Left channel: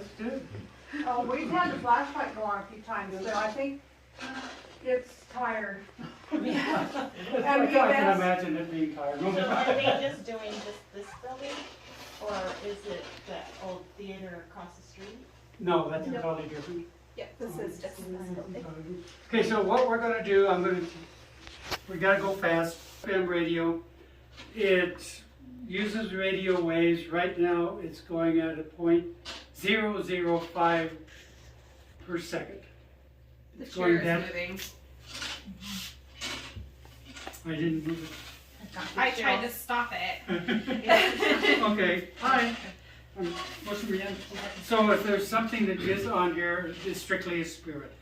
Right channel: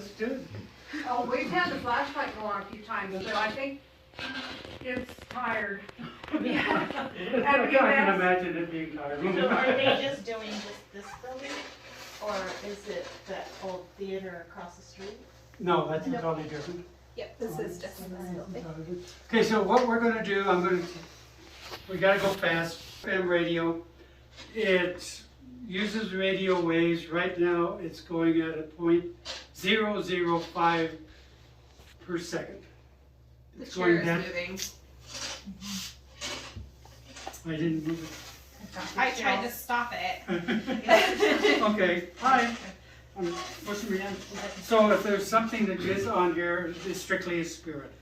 let's do it. Oh, we've had the flashlight go on a few times, so I think it's tired. I can imagine it being So tired. are they just doing just this building, or is it the old theater across the street? No, that's totally different. Yeah, this is different. Okay, so what we're gonna do, we gotta go fast. FM radio, it uses radio waves. Right now, it's going at a 0.005 per second. The It's chair going is down. moving. I didn't move I tried to stop it. it. Okay, hi. What's your name? So if there's something that is on here, it's strictly a spirit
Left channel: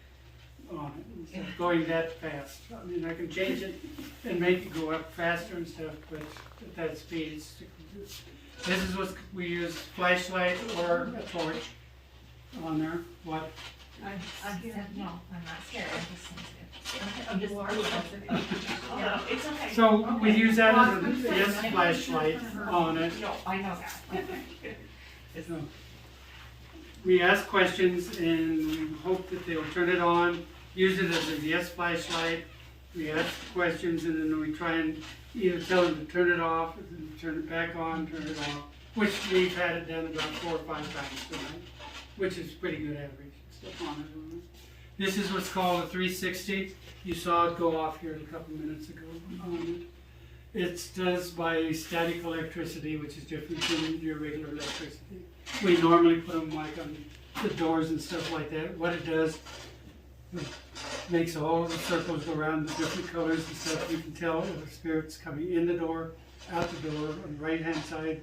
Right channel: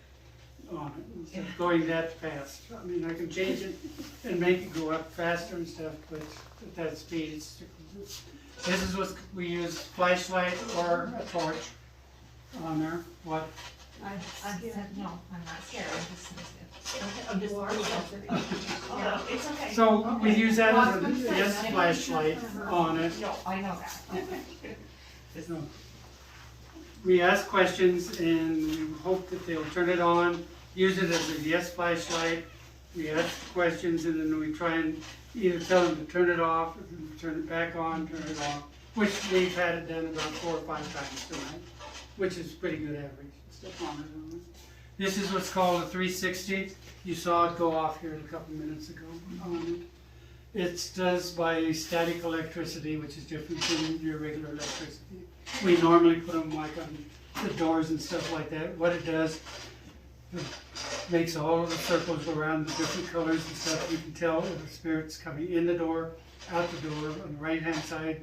on it, instead of going that fast. I mean, I can change it and make it go up faster and stuff, but at that speed, it's strictly. This is what we use, flashlight or a torch on there. What? No, I'm not scared, I'm just worried. No, it's okay. So we use that as this flashlight on it. No, I know that. So we ask questions and we hope that they'll turn it on, use it as a yes flashlight. We ask questions and then we try and either tell them to turn it off, and turn it back on, turn it off, which we've had it done about 4 or 5 times tonight, which is pretty good average. Stuff on it. This is what's called a 360. You saw it go off here a couple minutes ago. It does by static electricity, which is different from your regular electricity. We normally put them like on the doors and stuff like that. What it does, it makes all of the circles around the different colors and stuff. You can tell if the spirit's coming in the door, out the door, on the right-hand side,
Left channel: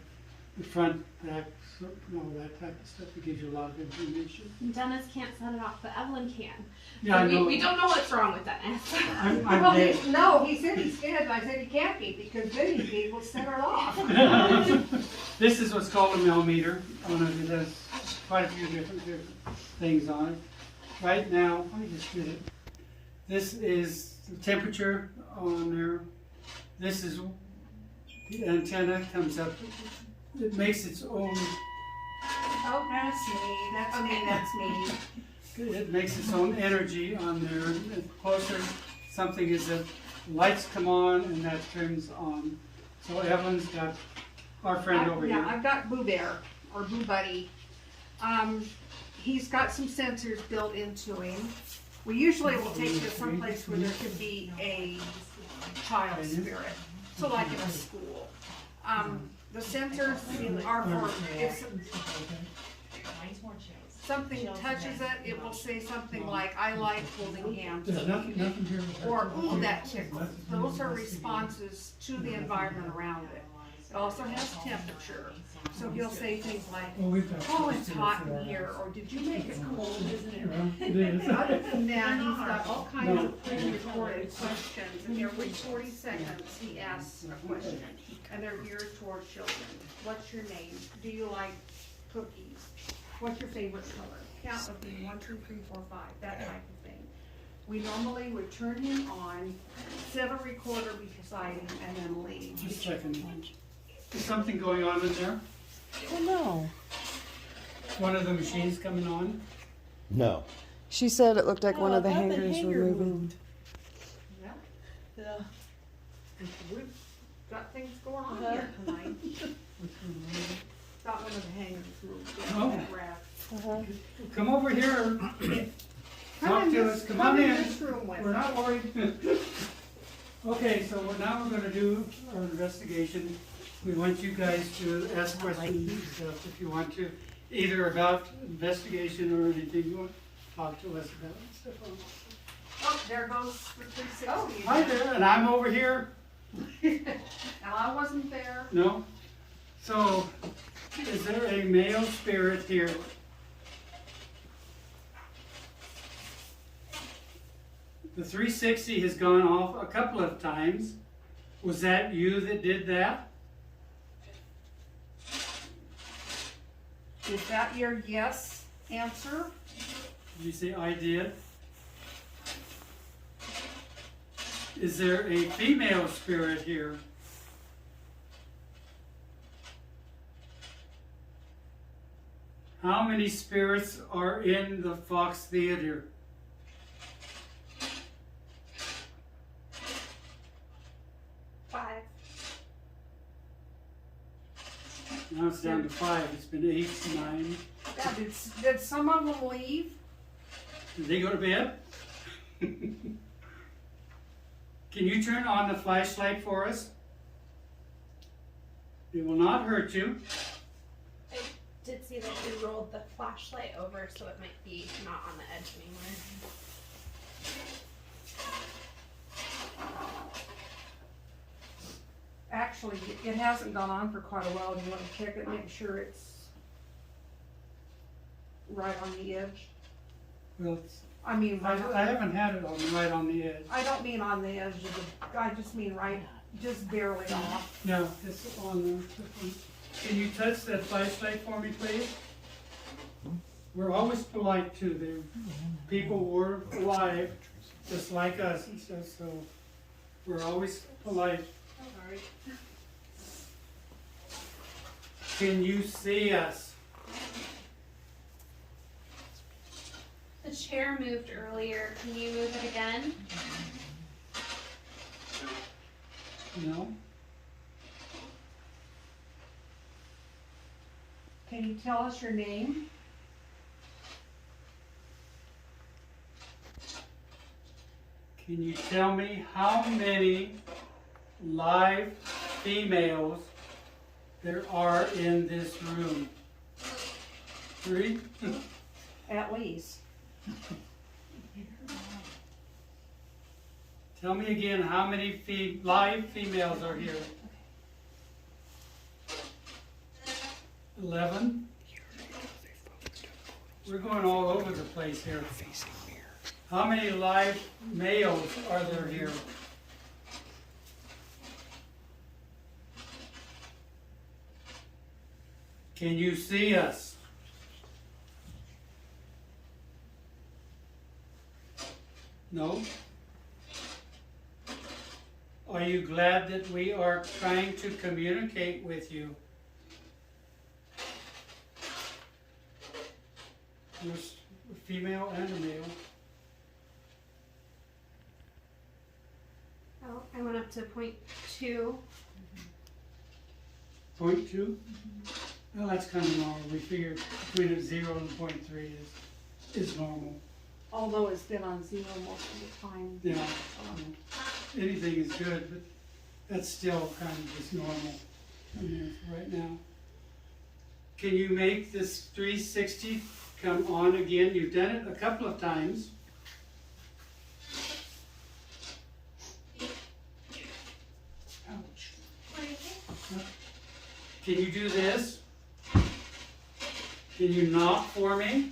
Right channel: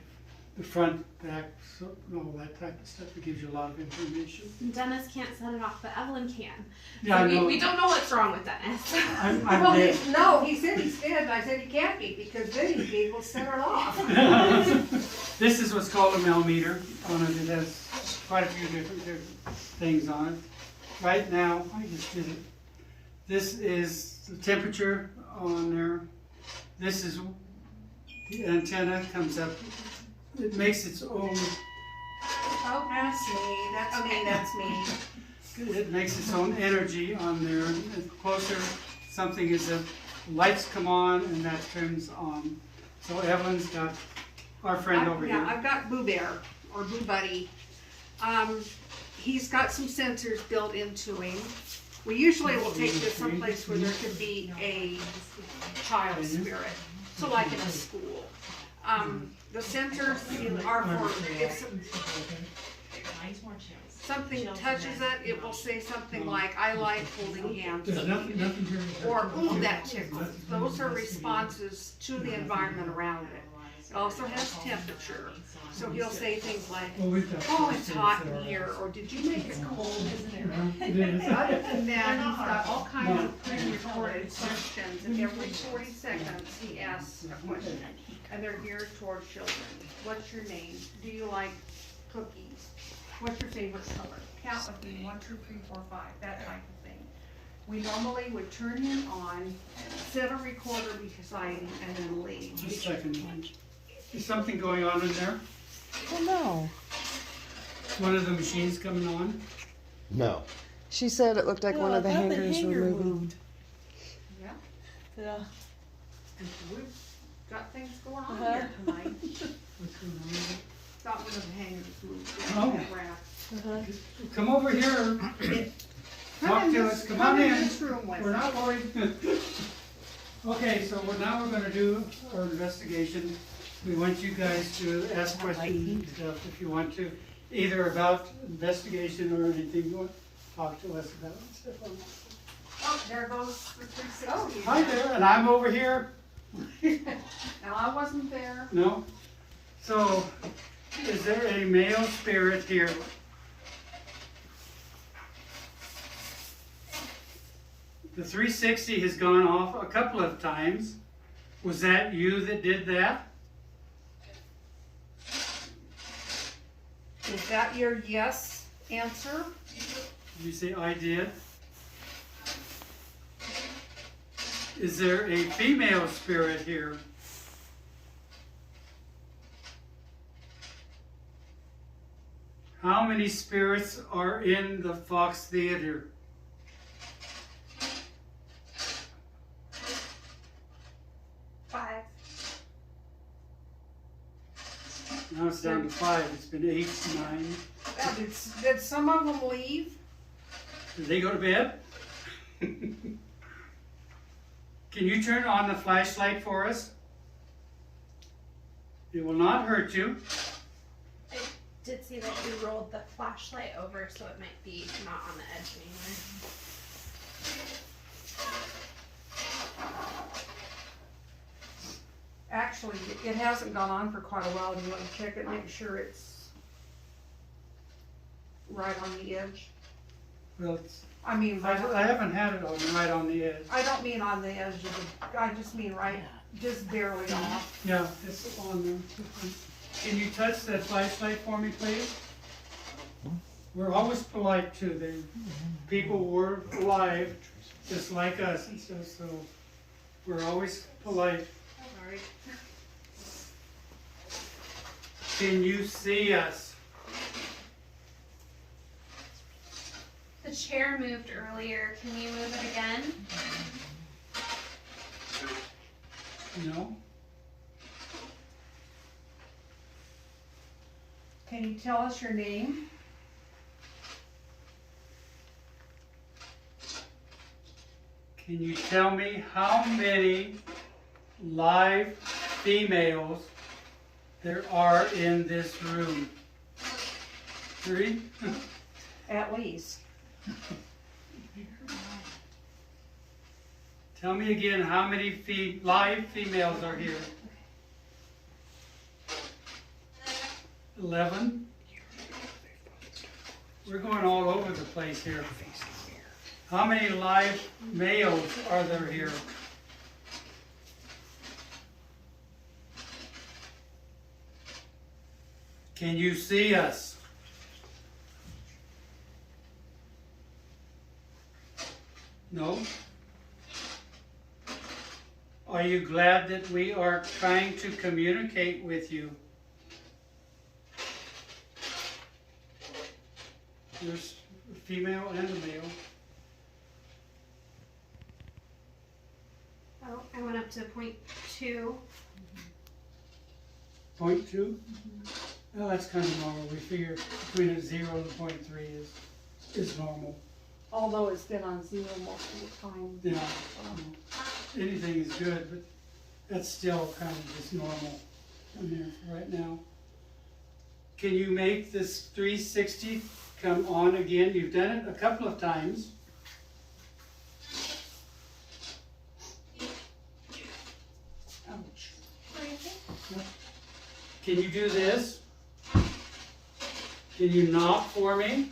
the front, back, so, all that type of stuff. It gives you a lot of information. Dennis can't set it off, but Evelyn can. Yeah, I So know. we don't know what's wrong with Dennis. I'm Well, dead. no, he said he's dead, and I said he can't be, because then he'd be able to set her off. This is what's called a millimeter on it. It has quite a few different things on it. Right now, I just did it. This is the temperature on there. This is the antenna comes up. It makes its own. Oh, that's me, that's me. It makes its own energy on there. The closer something is, the lights come on and that turns on. So Evelyn's got our friend over Yeah, here. I've got Boo Bear, or Boo Buddy. He's got some sensors built into him. We usually will take this someplace where there could be a child spirit, so like in a school. The sensors are for, if something touches it, it will say something like, I like holding hands with There's you. nothing here. Or, ooh, that tickles. Those are responses to the environment around it. It also has temperature, so he'll say things like, Well, we've got oh, it's hot in here, or did you make it cold, isn't it? It is. Other than that, he's got all kinds of pre-recorded questions, and every 40 seconds, he asks a question. And they're geared toward children. What's your name? Do you like cookies? What's your favorite color? Count with me, 1, 2, 3, 4, 5, that type of thing. We normally would turn him on, set a recorder beside him, and then leave. Just a second. Is something going on in there? Oh no. One of the machines coming on? No. She said it looked like one of the I thought the hangers were hanger moving. moved. Yeah, Yeah. we've got things going on Uh-huh. here tonight. What's going on? Got one of the hangers moved. Oh. Uh-huh. Come over here and talk Come in to this- us. Come on in. this room with We're us. not worried. Okay, so now we're gonna do our investigation. We want you guys to ask questions and stuff if you want to, either about investigation or anything you want to talk to us about and stuff. Oh, there goes the 360. Oh, hi there, and I'm over here. Now, I wasn't there. No? So, is there a male spirit here? The 360 has gone off a couple of times. Was that you that did that? Is that your yes answer? Did you say I did? Is there a female spirit here? How many spirits are in the Fox Theater? Five. Now it's down to 5. It's been 8, 9. Yeah, did some of them leave? Did they go to bed? Can you turn on the flashlight for us? It will not hurt you. I did see that you rolled the flashlight over, so it might be not on the edge anywhere. Actually, it hasn't gone on for quite a while. You want to check it, make sure it's right on the edge. Well, I mean, I haven't had it on right on the edge. I don't mean on the edge of the, I just mean right, just barely off. No, it's on there. Can you touch that flashlight for me, please? We're always polite to the people were alive, just like us, and so we're always polite. Sorry. Can you see us? The chair moved earlier. Can you move it again? No? Can you tell us your name? Can you tell me how many live females there are in this room? 3? At least. Tell me again how many live females are here. 11? We're going all over the place here. How many live males are there here? Can you see us? No? Are you glad that we are trying to communicate with you? There's a female and a male. Oh, I went up to point 2. 0.2? Well, that's kind of normal. We figure between a 0 and 0.3 is normal. Although it's been on 0 most of the time. Yeah. Anything is good, but that's still kind of just normal here right now. Can you make this 360 come on again? You've done it a couple of times. Ouch. Can you do this? Can you knock for me?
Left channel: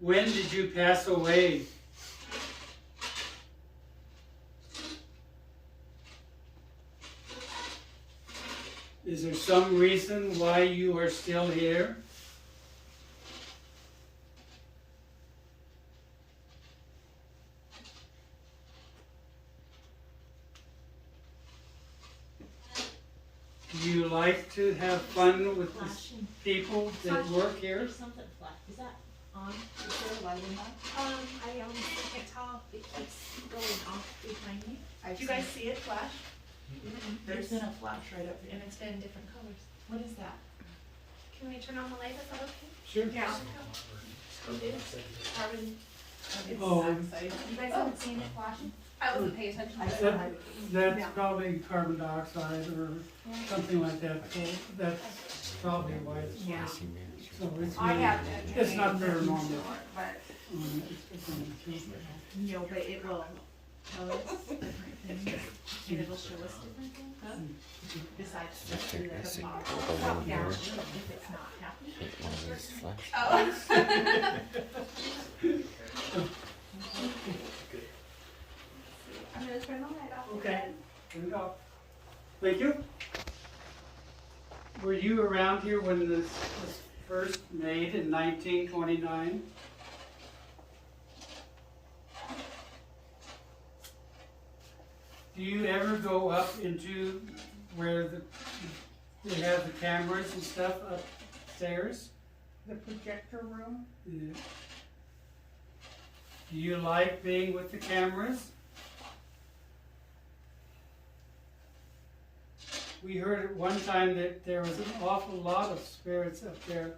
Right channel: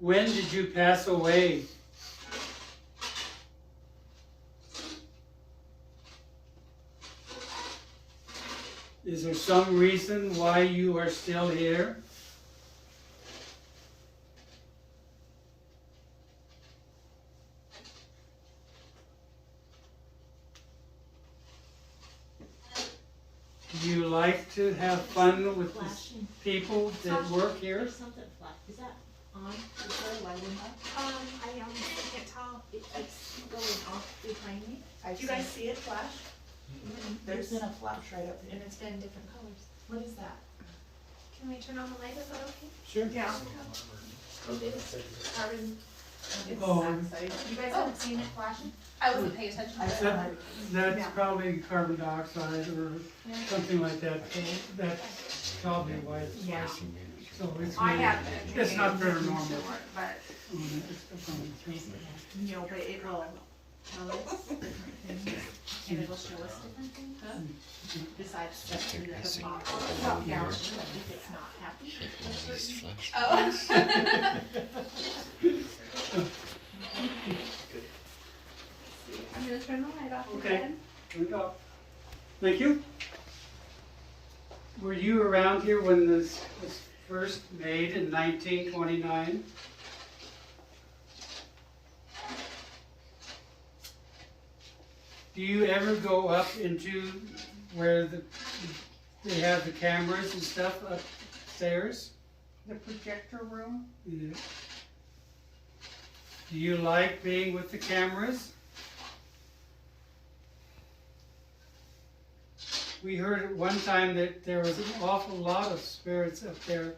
When did you pass away? Is there some reason why you are still here? Do you like to have fun with the people that work here? There's something flat. Is that on? Is there lighting on? I honestly can't tell. It keeps going off behind me. Do you guys see it flash? There's been a flash right up there. And it's been different colors. What is that? Can we turn on the light? Is that okay? Sure. Yeah. Carbon. Oh. You guys haven't seen it flashing? I wasn't paying attention to That, it. that's probably carbon dioxide or something like that. So that's probably why it's Yeah. so it's I really, haven't. it's not very normal. But, It's on the tube. No, but it will tell us different things, and it'll show us different things. Besides just the box. Oh, yeah. If it's not happy. I'm going to turn the light off. Okay. again. Here we go. Thank you. Were you around here when this was first made in 1929? Do you ever go up into where they have the cameras and stuff upstairs? The projector room? Yeah. Do you like being with the cameras? We heard at one time that there was an awful lot of spirits up there.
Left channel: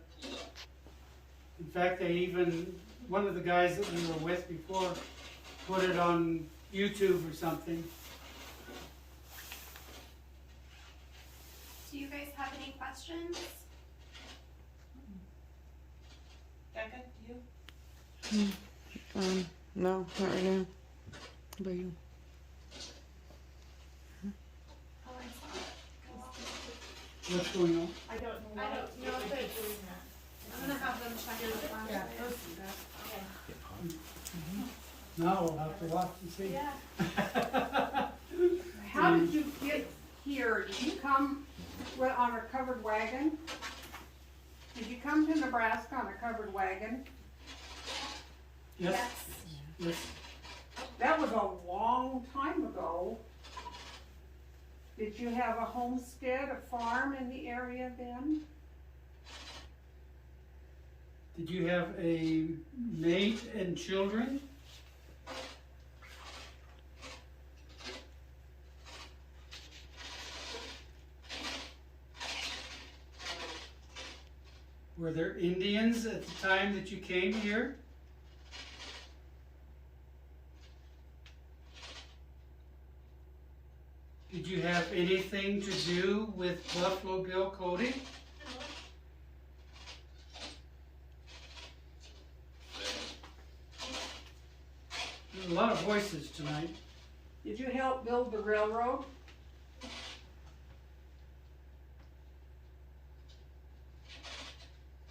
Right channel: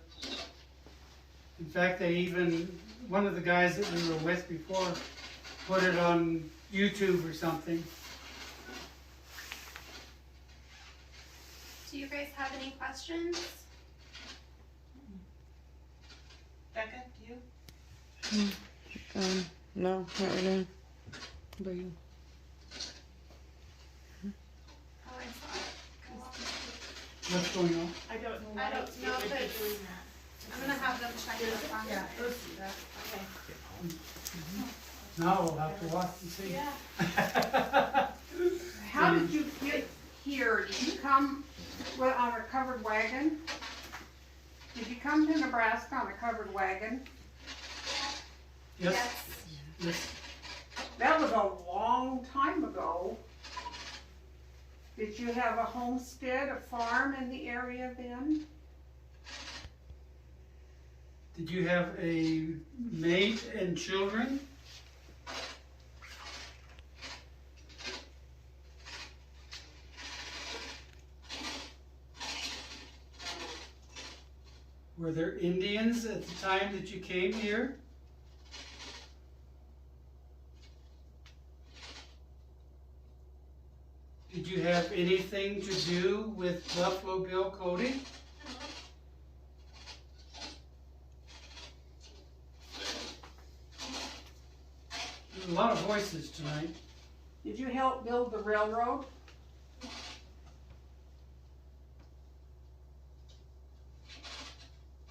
In fact, they even, one of the guys that we were with before put it on YouTube or something. Do you guys have any questions? Becca, do you? No, not right now. How about you? Oh, I saw it. What's going on? I don't know. I don't know if it's, I'm gonna have them check it out. Yeah, let's do that. Okay. Now we'll have to watch and see. Yeah. How did you get here? Did you come on a covered wagon? Did you come to Nebraska on a covered wagon? Yes, yes. That was a long time ago. Did you have a homestead, a farm in the area then? Did you have a mate and children? Were there Indians at the time that you came here? Did you have anything to do with Buffalo Bill Cody? There's a lot of voices tonight. Did you help build the railroad?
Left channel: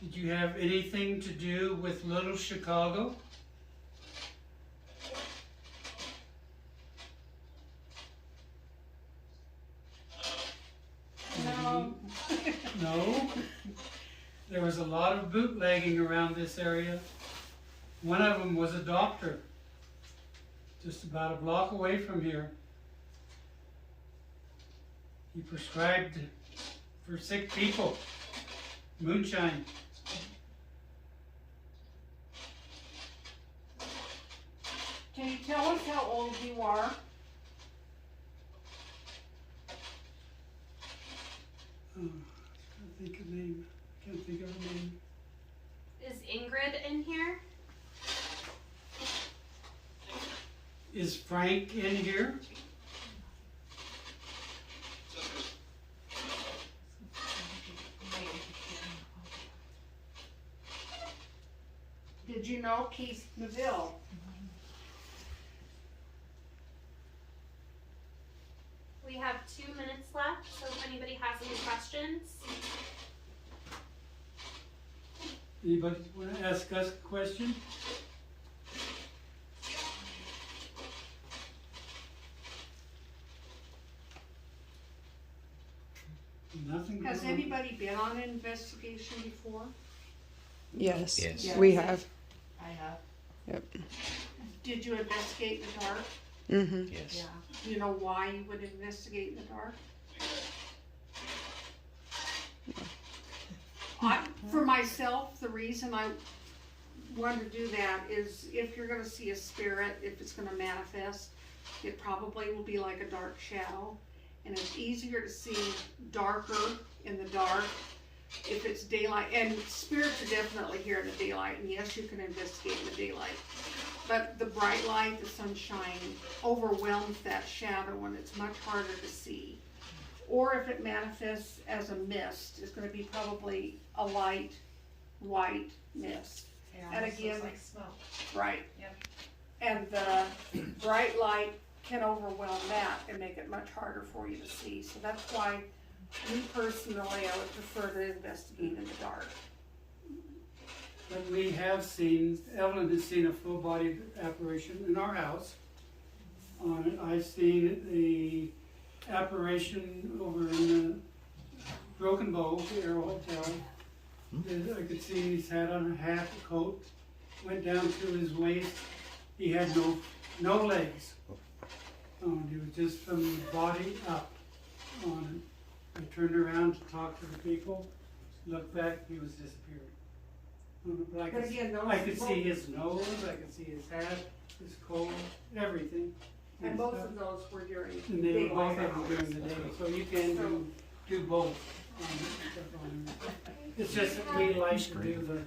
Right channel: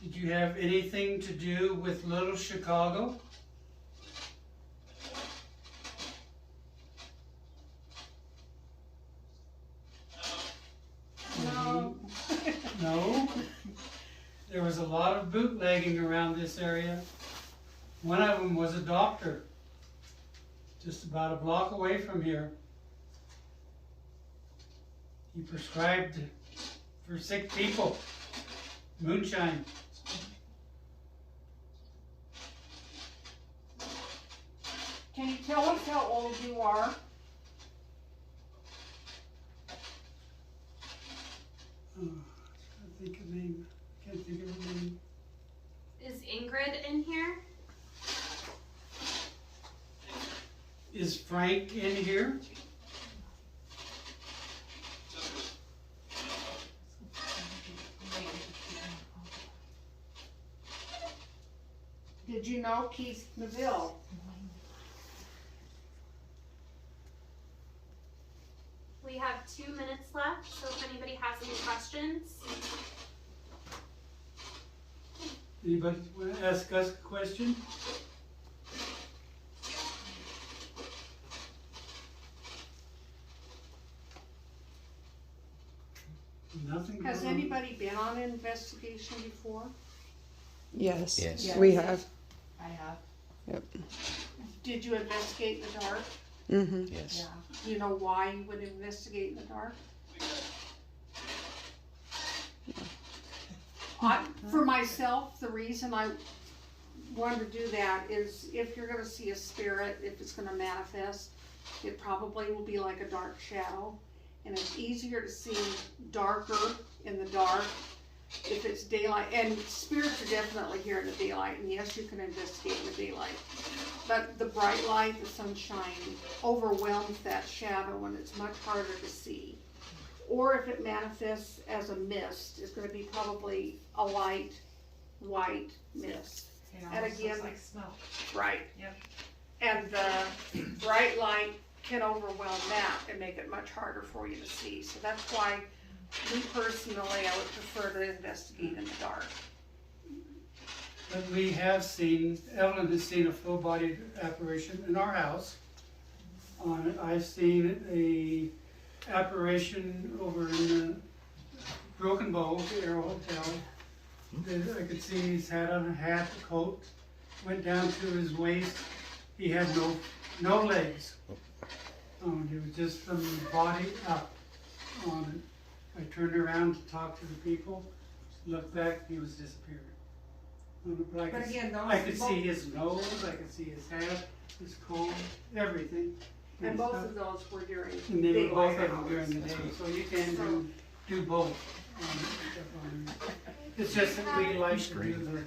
Did you have anything to do with Little Chicago? No. No. There was a lot of bootlegging around this area. One of them was a doctor, just about a block away from here. He prescribed for sick people moonshine. Can you tell us how old you are? Oh, I think of name. I can't think of her name. Is Ingrid in here? Is Frank in here? Did you know Keith Neville? We have 2 minutes left, so if anybody has any questions. Anybody want to ask us a question? Nothing. Has going on. anybody been on an investigation before? Yes. Yes. We have. I have. Yep. Did you investigate in the dark? Mm-hmm. Yes. Yeah. Do you know why you would investigate in the dark? For myself, the reason I wanted to do that is if you're gonna see a spirit, if it's gonna manifest, it probably will be like a dark shadow. And it's easier to see darker in the dark if it's daylight. And spirits are definitely here in the daylight, and yes, you can investigate in the daylight. But the bright light, the sunshine, overwhelms that shadow and it's much harder to see. Or if it manifests as a mist, it's gonna be probably a light, white mist. It And almost again- looks like smoke. Right. Yep. And the bright light can overwhelm that and make it much harder for you to see. So that's why, me personally, I would prefer to investigate in the dark. But we have seen, Evelyn has seen a full-bodied apparition in our house. I've seen a apparition over in the Broken Bow, the Arrow Hotel. I could see he's had on a hat, a coat, went down to his waist. He had no legs. It was just from the body up on it. I turned around to talk to the people, looked back, he was disappearing. But I But could, again, those. I could see his nose, I could see his hat, his comb, everything. And both of those were during And they were daylight both of them during the hours. day, so you can do both. It's just that we like to do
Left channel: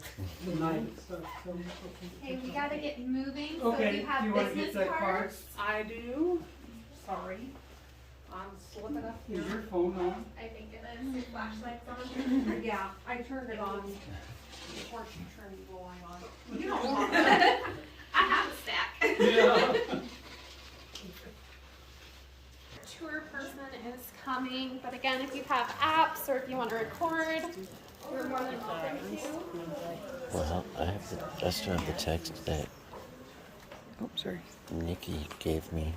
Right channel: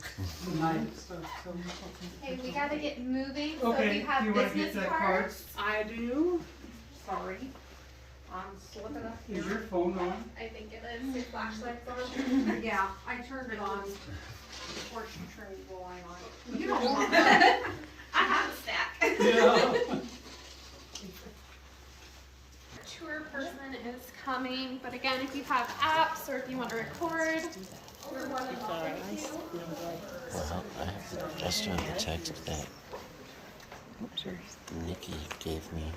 the night stuff, so. Okay, we gotta get moving, so if Okay, you have you wanna get business that card? cards, I do, sorry. I'm slipping up Is here. your phone on? I think it is, your flashlight's on. Yeah, I turned it on before she turned the line on. You don't want that. I have a stack. Yeah. Tour person is coming, but again, if you have apps or if you want to record, you're more than welcome to. I still have the text that Oh, sorry. Nikki gave me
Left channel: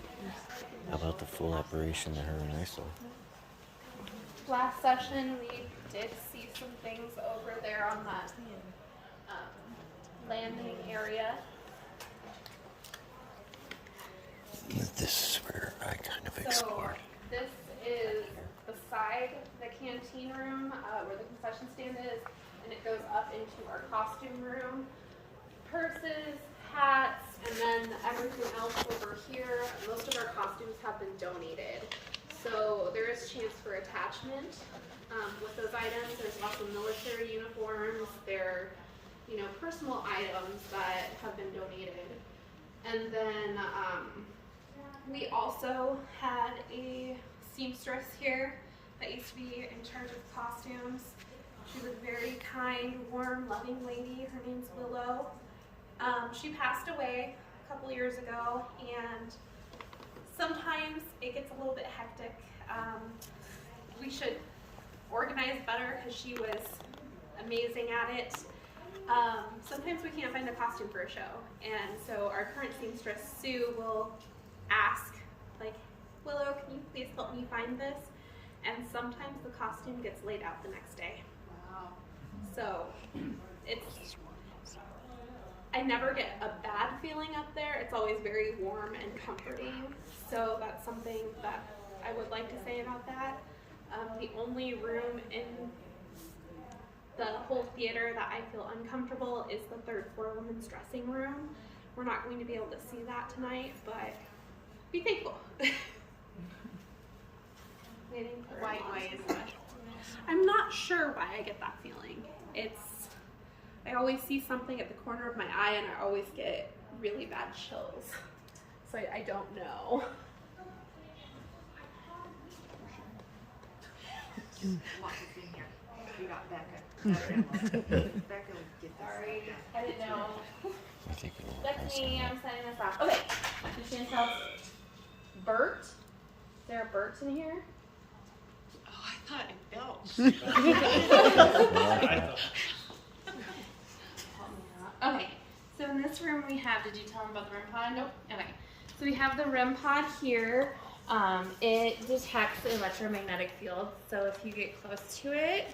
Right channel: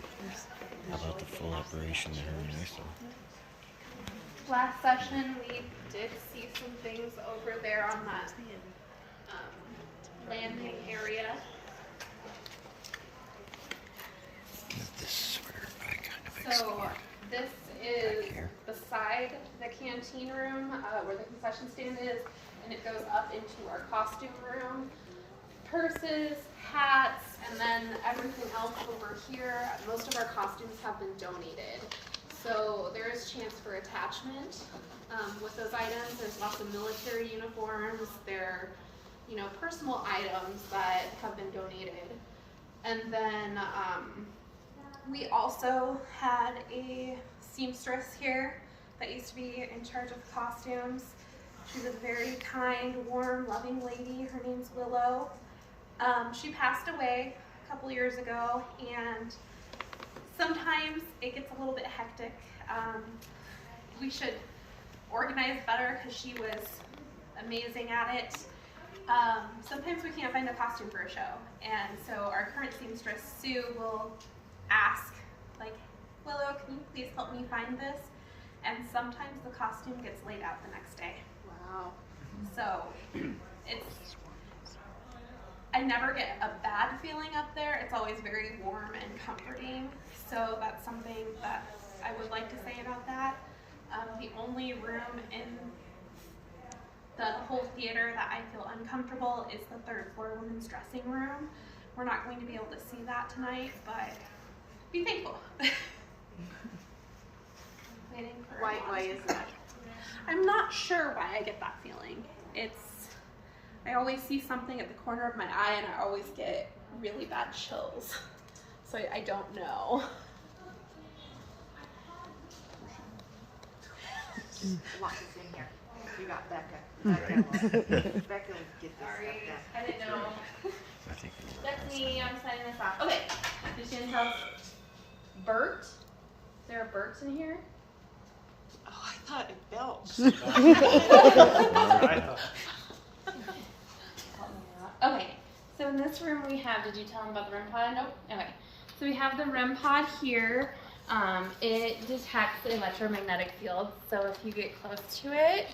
about the full operation of her and Arthur. Last session, we did see some things over there on that landing area. This is where I kind of So explored. this is beside the canteen room, where the concession stand is, and it goes up into our costume room. Purses, hats, and then everything else over here. Most of our costumes have been donated. So there is chance for attachment with those items. There's lots of military uniforms. They're, you know, personal items that have been donated. And then we also had a seamstress here that used to be in charge of the costumes. She was a very kind, warm, loving lady. Her name's Willow. She passed away a couple years ago, and sometimes it gets a little bit hectic. We should organize better because she was amazing at it. Sometimes we can't find a costume for a show, and so our current seamstress, Sue, will ask, like, Willow, can you please help me find this? And sometimes the costume gets laid out the next day. So it's, I never get a bad feeling up there. It's always very warm and comforting. So that's something that I would like to say about that. The only room in the whole theater that I feel uncomfortable is the third floor women's dressing room. We're not going to be able to see that tonight, but be thankful. Waiting for Why is that? I'm not sure why I get that feeling. I always see something at the corner of my eye and I always get really bad chills. So I don't know. Lock this in here. You got Becca. Becca, get this. Sorry, Yeah. I didn't know. I think That's me, I'm signing this off. Okay, Christian tells Bert. Is there a Bert in here? Oh, I thought it felt. Okay, so in this room we have, did you tell him about the REM pod? Nope. Okay, so we have the REM pod here. It detects the electromagnetic field, so if you get close to it,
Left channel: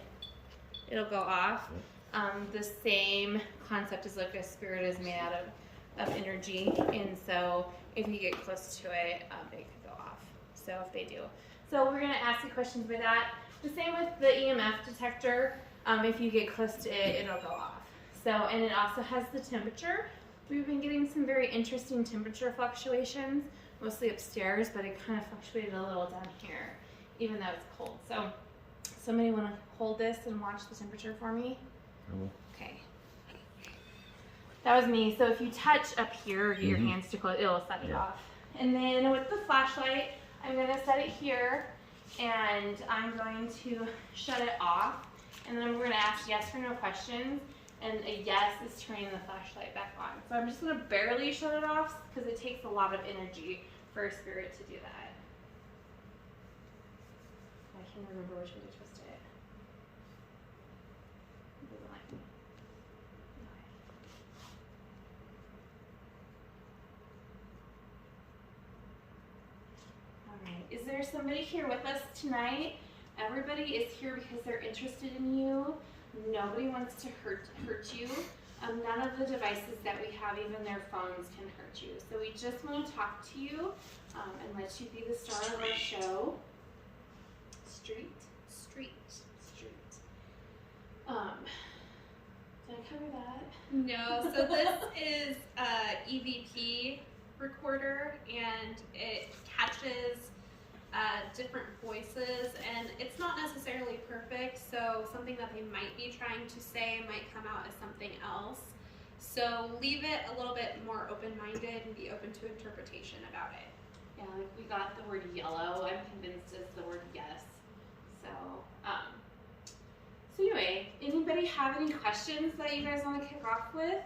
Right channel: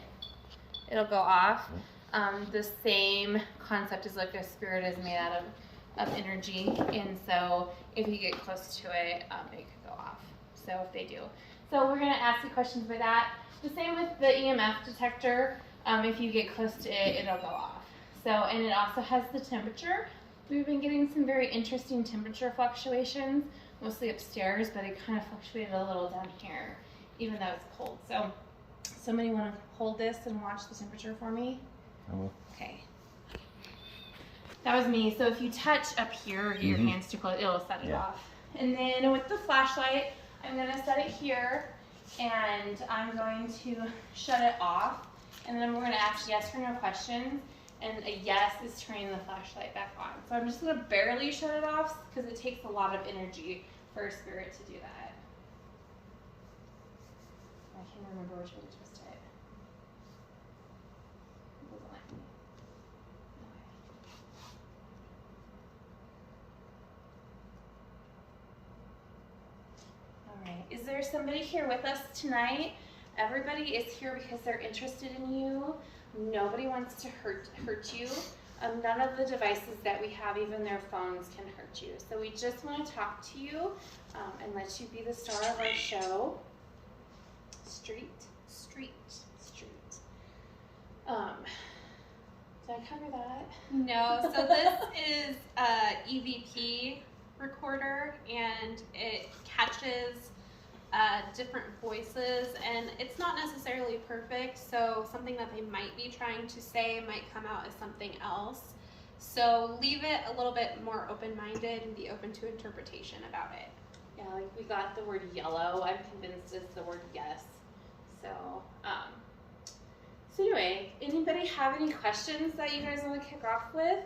it'll go off. The same concept is like a spirit is made out of energy, and so if you get close to it, it could go off. So if they do. So we're gonna ask you questions for that. The same with the EMF detector. If you get close to it, it'll go off. So, and it also has the temperature. We've been getting some very interesting temperature fluctuations, mostly upstairs, but it kind of fluctuated a little down here, even though it's cold. So, somebody want to hold this and watch the temperature for me? Okay. That was me. So if you touch up here, get your hands too close, it'll set it off. And then with the flashlight, I'm gonna set it here, and I'm going to shut it off. And then we're gonna ask yes or no questions. And a yes is turning the flashlight back on. So I'm just gonna barely shut it off because it takes a lot of energy for a spirit to do that. I can't remember which way to twist it. It doesn't like me. Okay. Alright, is there somebody here with us tonight? Everybody is here because they're interested in you. Nobody wants to hurt you. None of the devices that we have, even their phones, can hurt you. So we just want to talk to you and let you be the star of our show. Street. Did I cover that? No. So this is a EVP recorder, and it catches different voices, and it's not necessarily perfect, so something that they might be trying to say might come out as something else. So leave it a little bit more open-minded and be open to interpretation about it. Yeah, like we got the word yellow. I'm convinced it's the word yes. So, so anyway, anybody have any questions that you guys want to kick off with?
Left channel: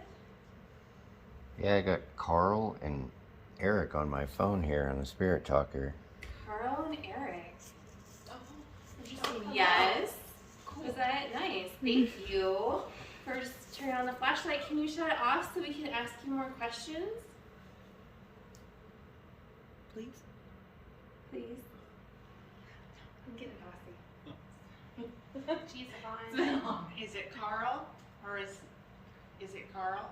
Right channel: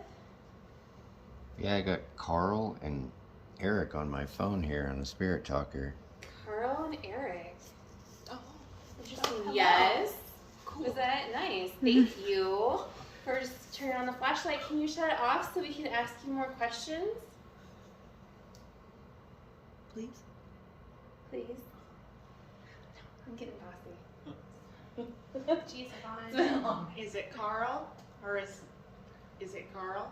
Yeah, I got Carl and Eric on my phone here on the Spirit Talker. Carl and Eric. Oh. Interesting. hello. Yes. Was that nice? Thank you for just turning on the flashlight. Can you shut it off so we can ask you more questions? Please. Please. I'm getting bossy. Jeez, Fine. Is it Carl or is it Carl?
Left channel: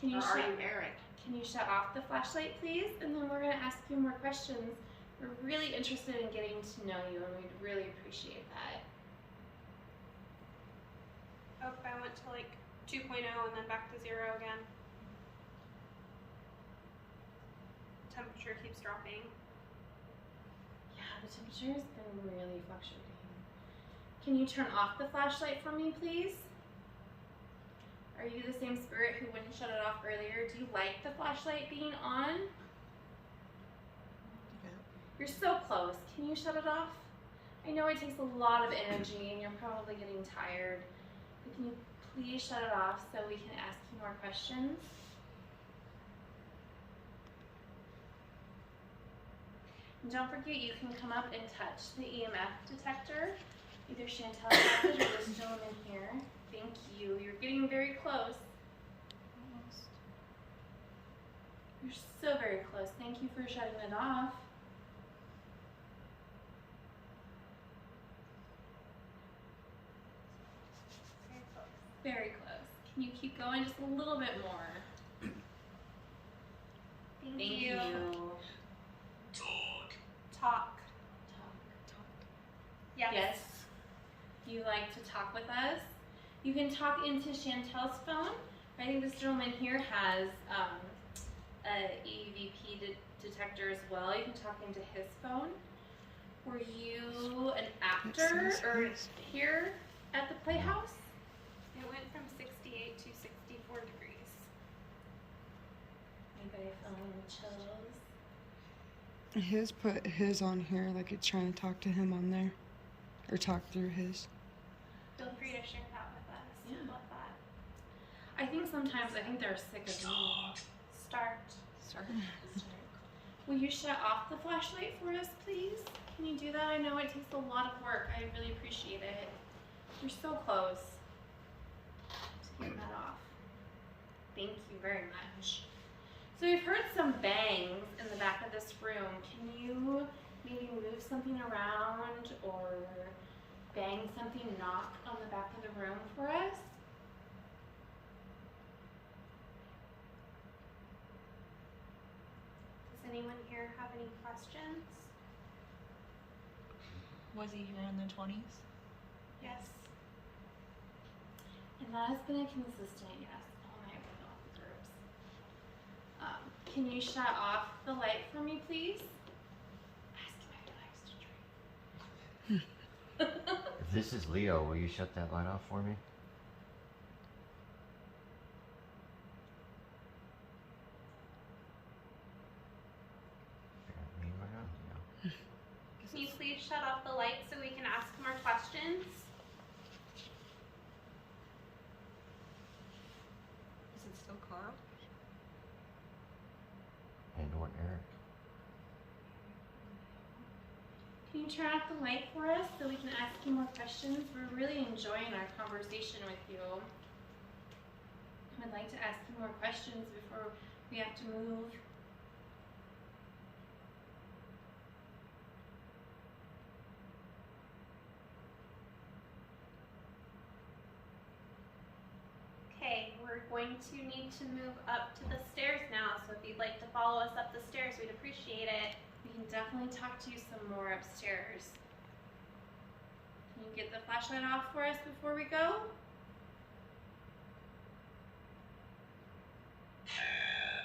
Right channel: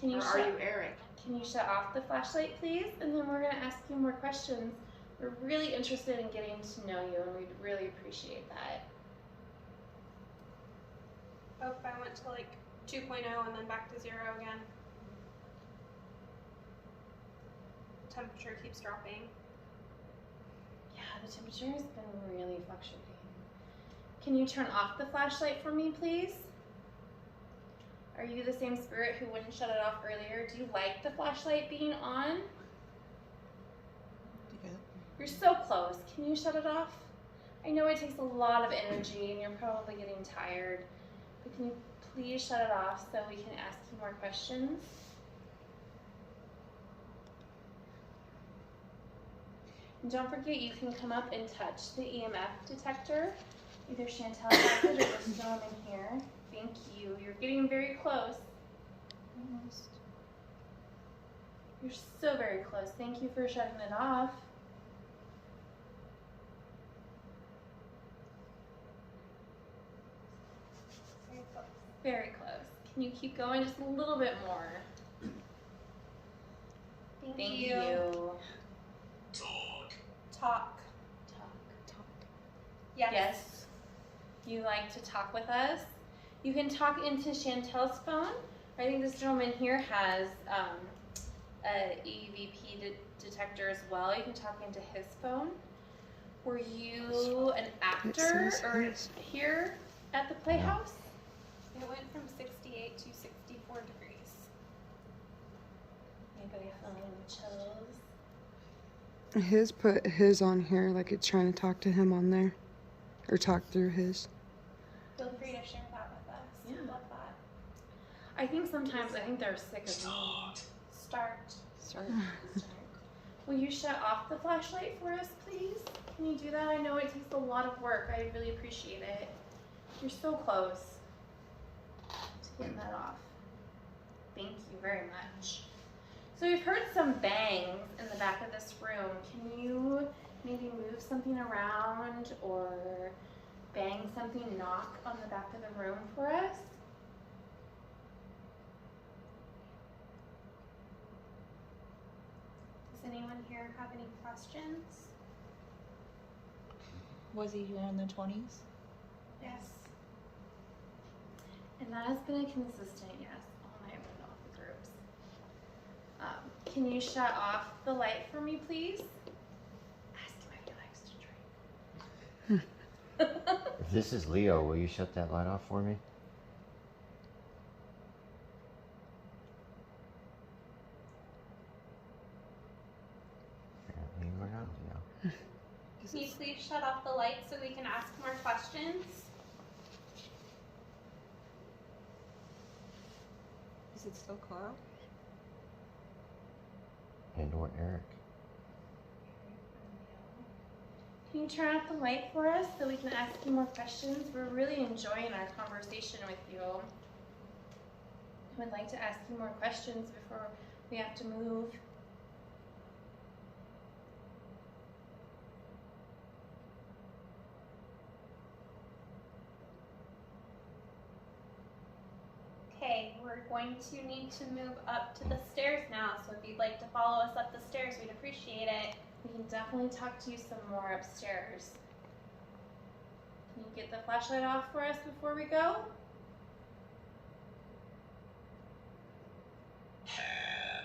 Can you Or are shut you Eric? Can you shut off the flashlight, please? And then we're gonna ask you more questions. We're really interested in getting to know you, and we'd really appreciate that. Oh, I went to like 2.0 and then back to 0 again. Temperature keeps dropping. Yeah, the temperature has been really fluctuating. Can you turn off the flashlight for me, please? Are you the same spirit who wouldn't shut it off earlier? Do you like the flashlight being on? Okay. You're so close. Can you shut it off? I know it takes a lot of energy and you're probably getting tired, but can you please shut it off so we can ask you more questions? And don't forget, you can come up and touch the EMF detector. Either Chantel has it or this gentleman here. Thank you. You're getting very close. Almost. You're so very close. Thank you for shutting it off. Very close. Very close. Can you keep going just a little bit more? Thank, Thank you. you. Talk. Yes. Yes. You like to talk with us? You can talk into Chantel's phone. I think this gentleman here has a EVP detector as well. You can talk into his phone. Were you an actor or here at the Playhouse? It went from 68 to 64 degrees. Anybody feeling the chills? His put his on here, like it's trying to talk to him on there, or talk through his. Feel free to share that with us. Yeah. Love that. I think sometimes they're sick of me. Start. Will you shut off the flashlight for us, please? Can you do that? I know it takes a lot of work. I really appreciate it. You're so close to getting that off. Thank you very much. So we've heard some bangs in the back of this room. Can you maybe move something around or bang something, knock on the back of the room for us? Does anyone here have any questions? Was he here in the 20s? Yes. And that has been a consistent yes all night with all the groups. Can you shut off the light for me, please? Ask him if he likes to drink. If this is Leo, will you shut that light off for me? Apparently we're not Leo. Can you please shut off the light so we can ask more questions? Is it still Carl? And or Eric. Can you turn off the light for us so we can ask you more questions? We're really enjoying our conversation with you. We'd like to ask you more questions before we have to move. Okay. going to need to move up to the stairs now, so if you'd like to follow us up the stairs, we'd appreciate it. We can definitely talk to you some more upstairs. Can you get the flashlight off for us before we go? Cat?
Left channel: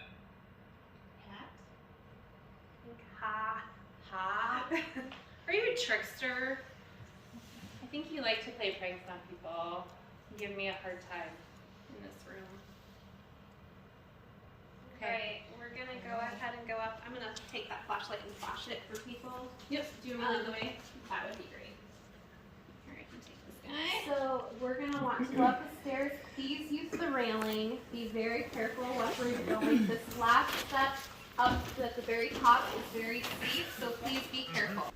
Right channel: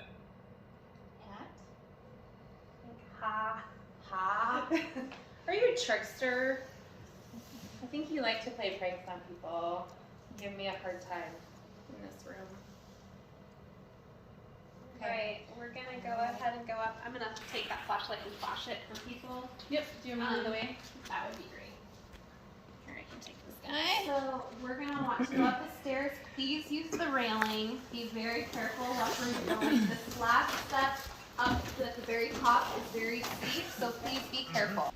Ha. Ha. Are you a trickster? I think you like to play pranks on people and give me a hard time in this room. Okay, we're gonna go ahead and go up. I'm gonna take that flashlight and flash it for people. Yep, do you want me to lead the way? That would be great. Here, I can take this guy. So we're gonna want to go up the stairs. Please use the railing. Be very careful watch where you're going. This last step up at the very top is very steep, so please be careful.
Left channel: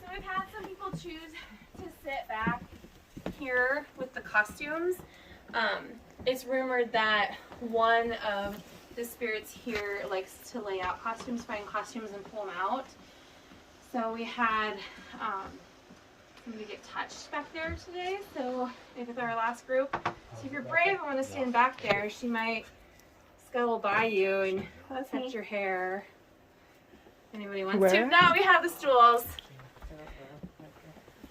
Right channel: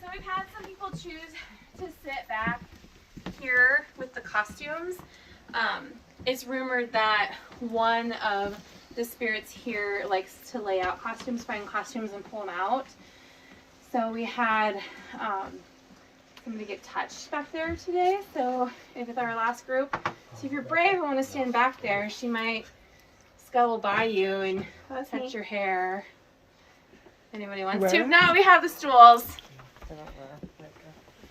So I've had some people choose to sit back here with the costumes. It's rumored that one of the spirits here likes to lay out costumes, find costumes, and pull them out. So we had somebody get touched back there today. So with our last group, so if you're brave and want to stand back there, she might scuttle by you and touch your hair. Anybody wants to? Now we have the stools.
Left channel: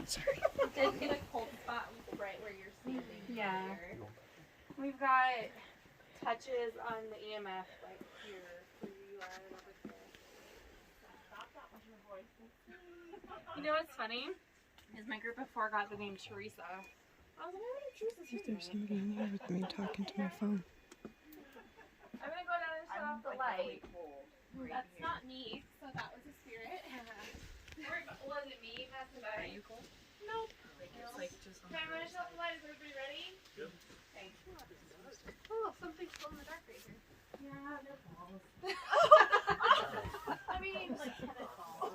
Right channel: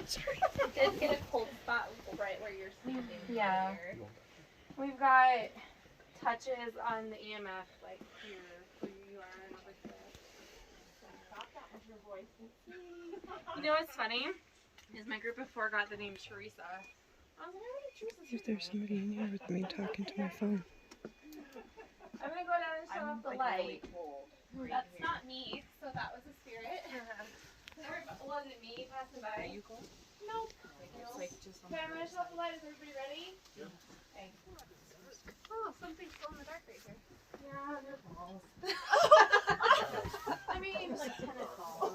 Sorry. You did get a cold spot right where you're standing. Yeah. Here. We've got touches on the EMF like here. You know what's funny? Is my group of 4 got the name Teresa. I was like, why did Teresa? If there's somebody in here with me talking to my phone. I'm gonna go down and show off the light. That's not me, so that was a spirit. Was it me passing by? Are you cool? No. Okay, I'm gonna show off the light. Is everybody ready? Yep. Okay. Oh, something's still in the dark right here. Yeah, they're balls. I mean, like tennis balls.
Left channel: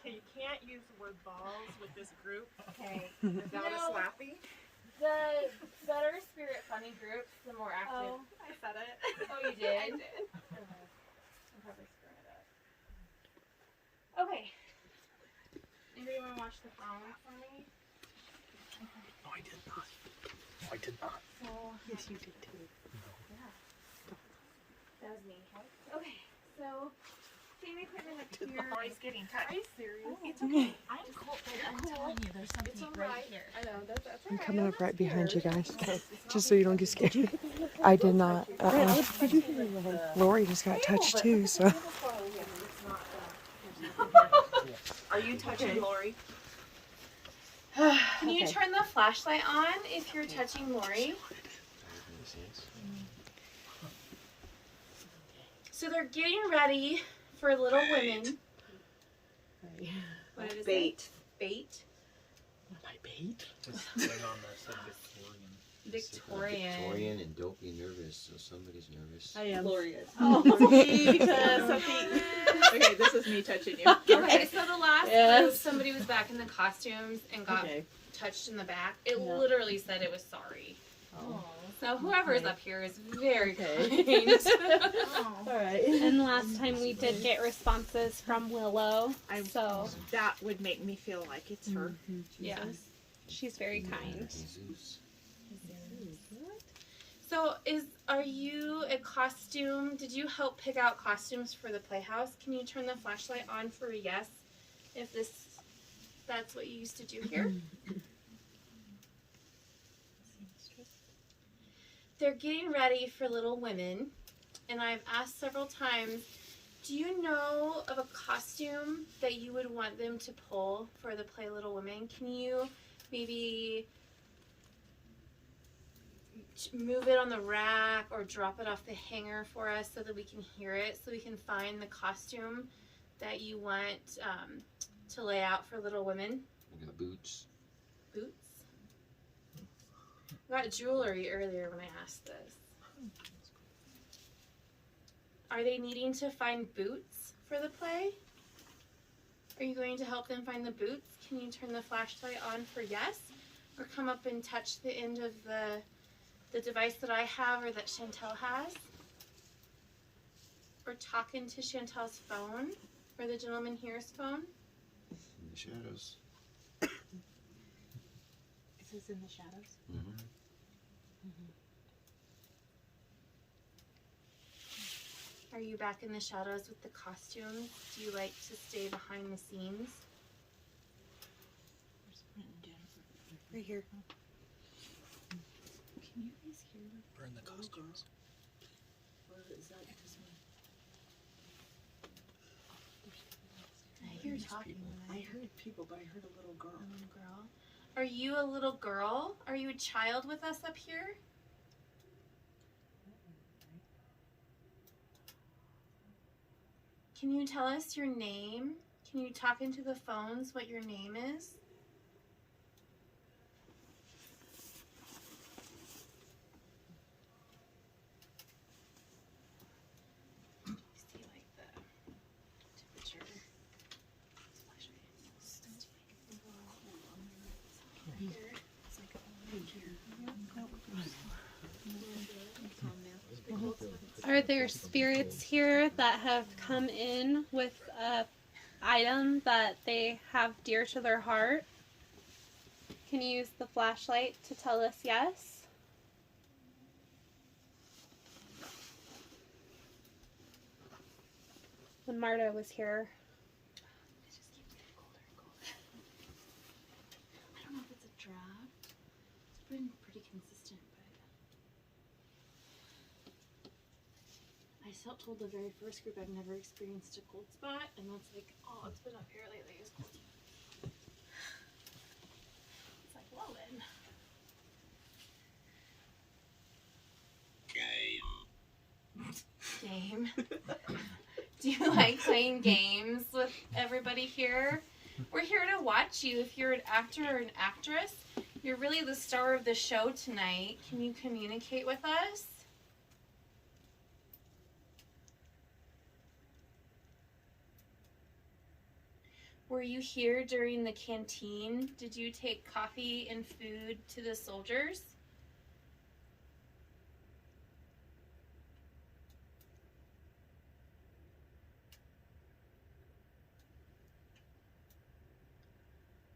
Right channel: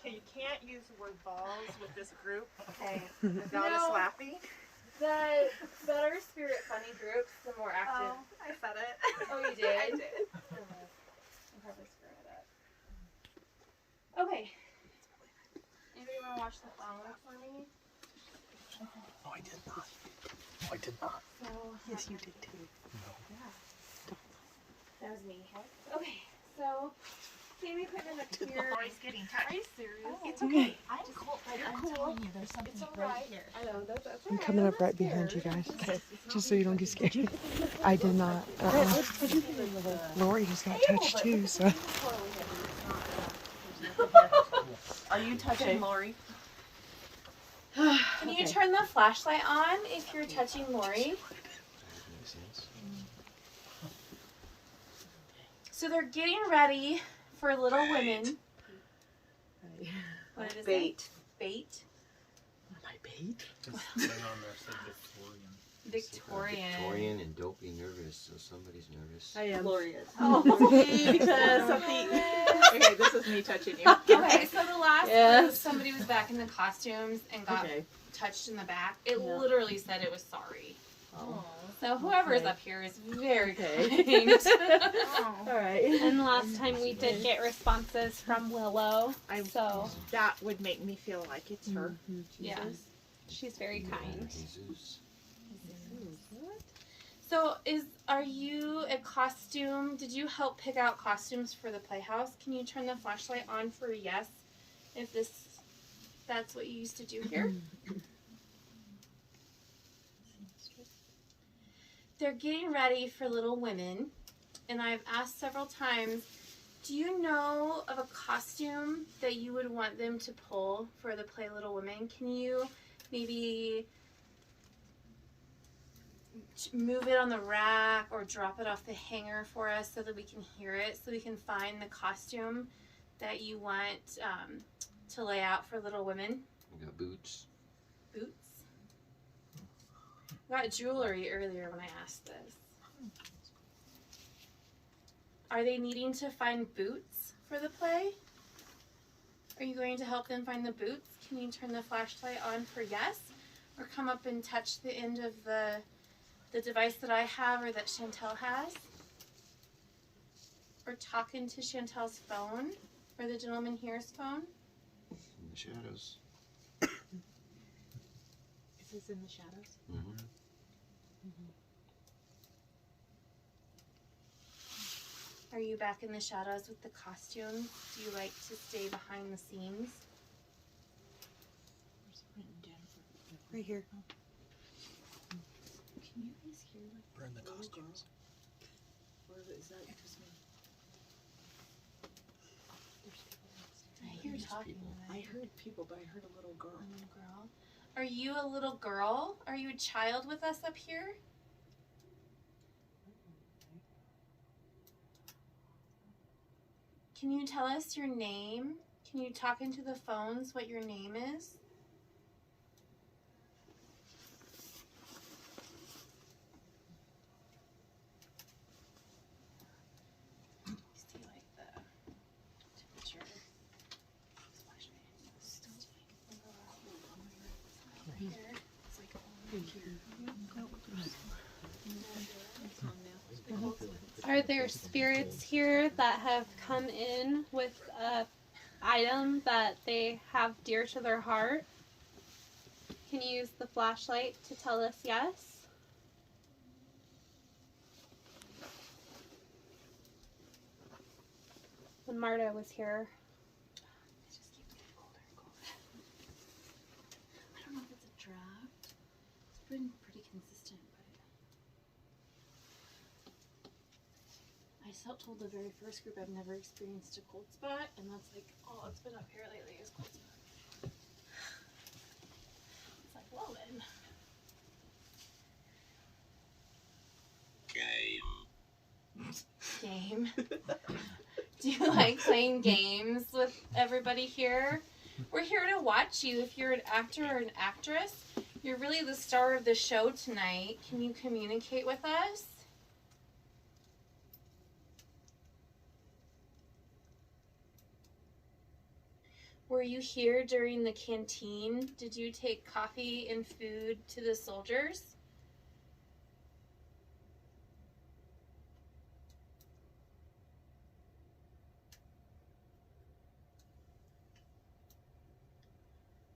Okay, you can't use the word balls with this group. Okay. The goddess Laffy. The better spirit funny groups, the more active. Oh, I said it. Oh, you did? I did. I'm probably screwing it up. Okay. Anybody want to watch the phone for me? No, I did not. No, I did not. So, Yes, you did too. that was me, okay? So, Sammy put me like here. Boy's getting touched. Are you serious? It's okay. I'm cool, but I'm telling you, there's something right here. I know, that's I'm coming up right behind you guys. Just so you don't get scared. I did not. Lori just got touched too, so. Are you touching Lori? Can you turn the flashlight on if you're touching Lori? So they're getting ready for Little Women. What is it? Bait. Bait. My bait? This thing on there said Victorian. Victorian. And dopey nervous, so somebody's nervous. I am. Lori is. Oh, because something. Okay, this is me touching you. Okay, so the last Yes. group, somebody was back in the costumes and got Okay. touched in the back. It Yeah. literally said it was sorry. Oh. So whoever's Okay. up here is very Okay. kind. All right. And the last time we did get responses from Willow, so That would make me feel like it's her. Yeah. she's very kind. Jesus. So are you a costume? Did you help pick out costumes for the Playhouse? Can you turn the flashlight on for a yes? If that's what you used to do here? They're getting ready for Little Women, and I've asked several times, do you know of a costume that you would want them to pull for the play Little Women? Can you maybe move it on the rack or drop it off the hanger for us so that we can hear it, so we can find the costume that you want to lay out for Little Women? We got boots. Boots? I got jewelry earlier when I asked this. Are they needing to find boots for the play? Are you going to help them find the boots? Can you turn the flashlight on for yes? Or come up and touch the end of the device that I have or that Chantel has? Or talk into Chantel's phone or the gentleman here's phone? the shadows. It says in the shadows. Mm-hmm. Are you back in the shadows with the costumes? Do you like to stay behind the scenes? Right here. Can you guys hear Burn the costumes. Or is that just me? I hear talking. I heard people, but I heard a little girl. A little girl. Are you a little girl? Are you a child with us up here? Can you tell us your name? Can you talk into the phones what your name is? See like the temperature. Here. It's like Are there spirits here that have come in with a item that they have dear to their heart? Can you use the flashlight to tell us yes? When Marta was here. It just keeps getting colder and colder. I don't know if it's a draft. It's been pretty consistent, but I told the very first group I've never experienced a cold spot, and that's like all it's been up here lately is cold spot. It's like, well then. Game. Do you like playing games with everybody here? We're here to watch you. If you're an actor or an actress, you're really the star of the show tonight. Can you communicate with us? Were you here during the canteen? Did you take coffee and food to the soldiers?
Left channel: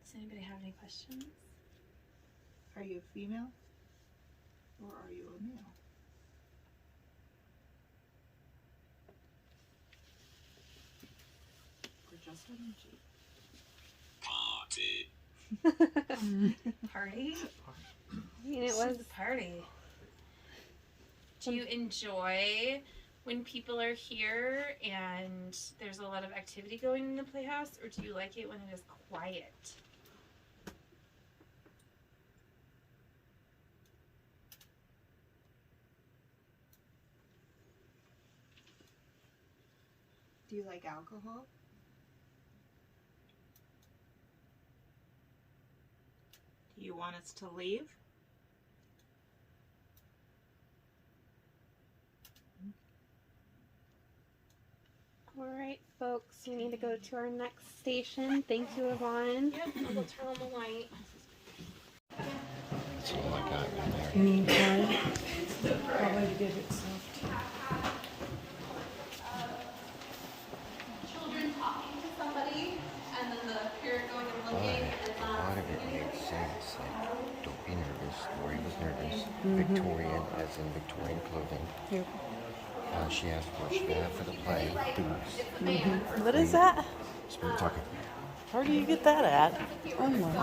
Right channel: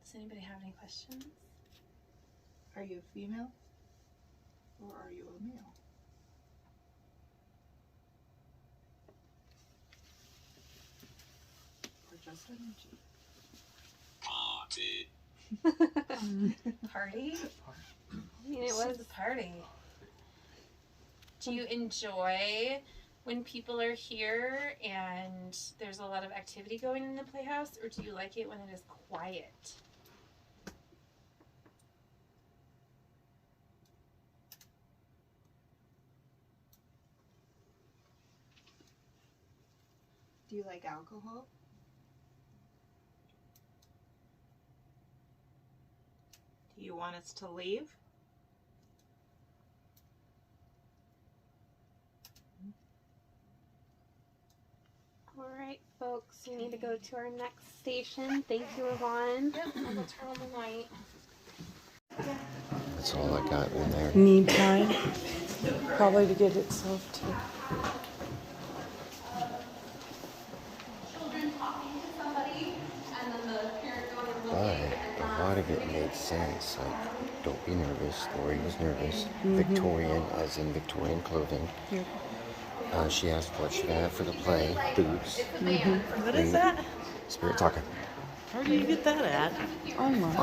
Does anybody have any questions? Are you a female? Or are you a male? Or just energy? Party? I mean, it was a party. Do you enjoy when people are here and there's a lot of activity going in the Playhouse, or do you like it when it is quiet? Do you like alcohol? Do you want us to leave? All right, folks, we need to go to our next station. Thank you, Yvonne. I'll go turn on the light. That's all I got in there. Need time? Probably to get itself to. Children talking to somebody, and then the parent going and But looking, a and lot of it made sense. Like, don't be nervous. Lori was nervous. Victorian, as in Victorian clothing. Yep. She asked what she got for the play. Boots. What is that? Spirit talking. Where do you get that at? Online.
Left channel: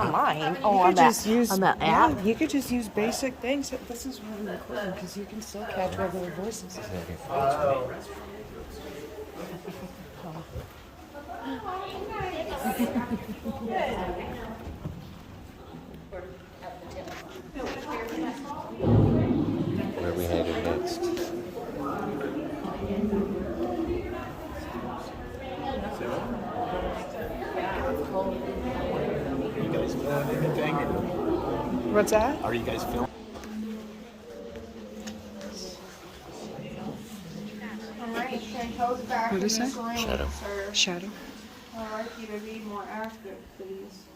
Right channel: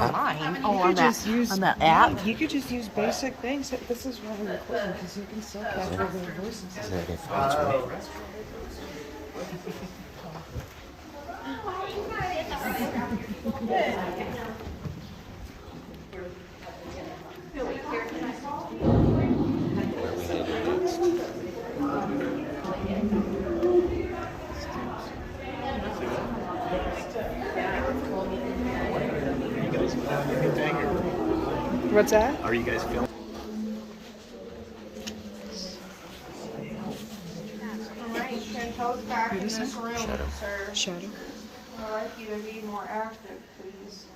Online? You could just use on the app. You could just use basic things. This is why we're recording, because you can still catch regular voices. Is that good for you? Where we headed next? What's that? Are you guys feeling? What is that? Shadow. I'd like you to be more active, please.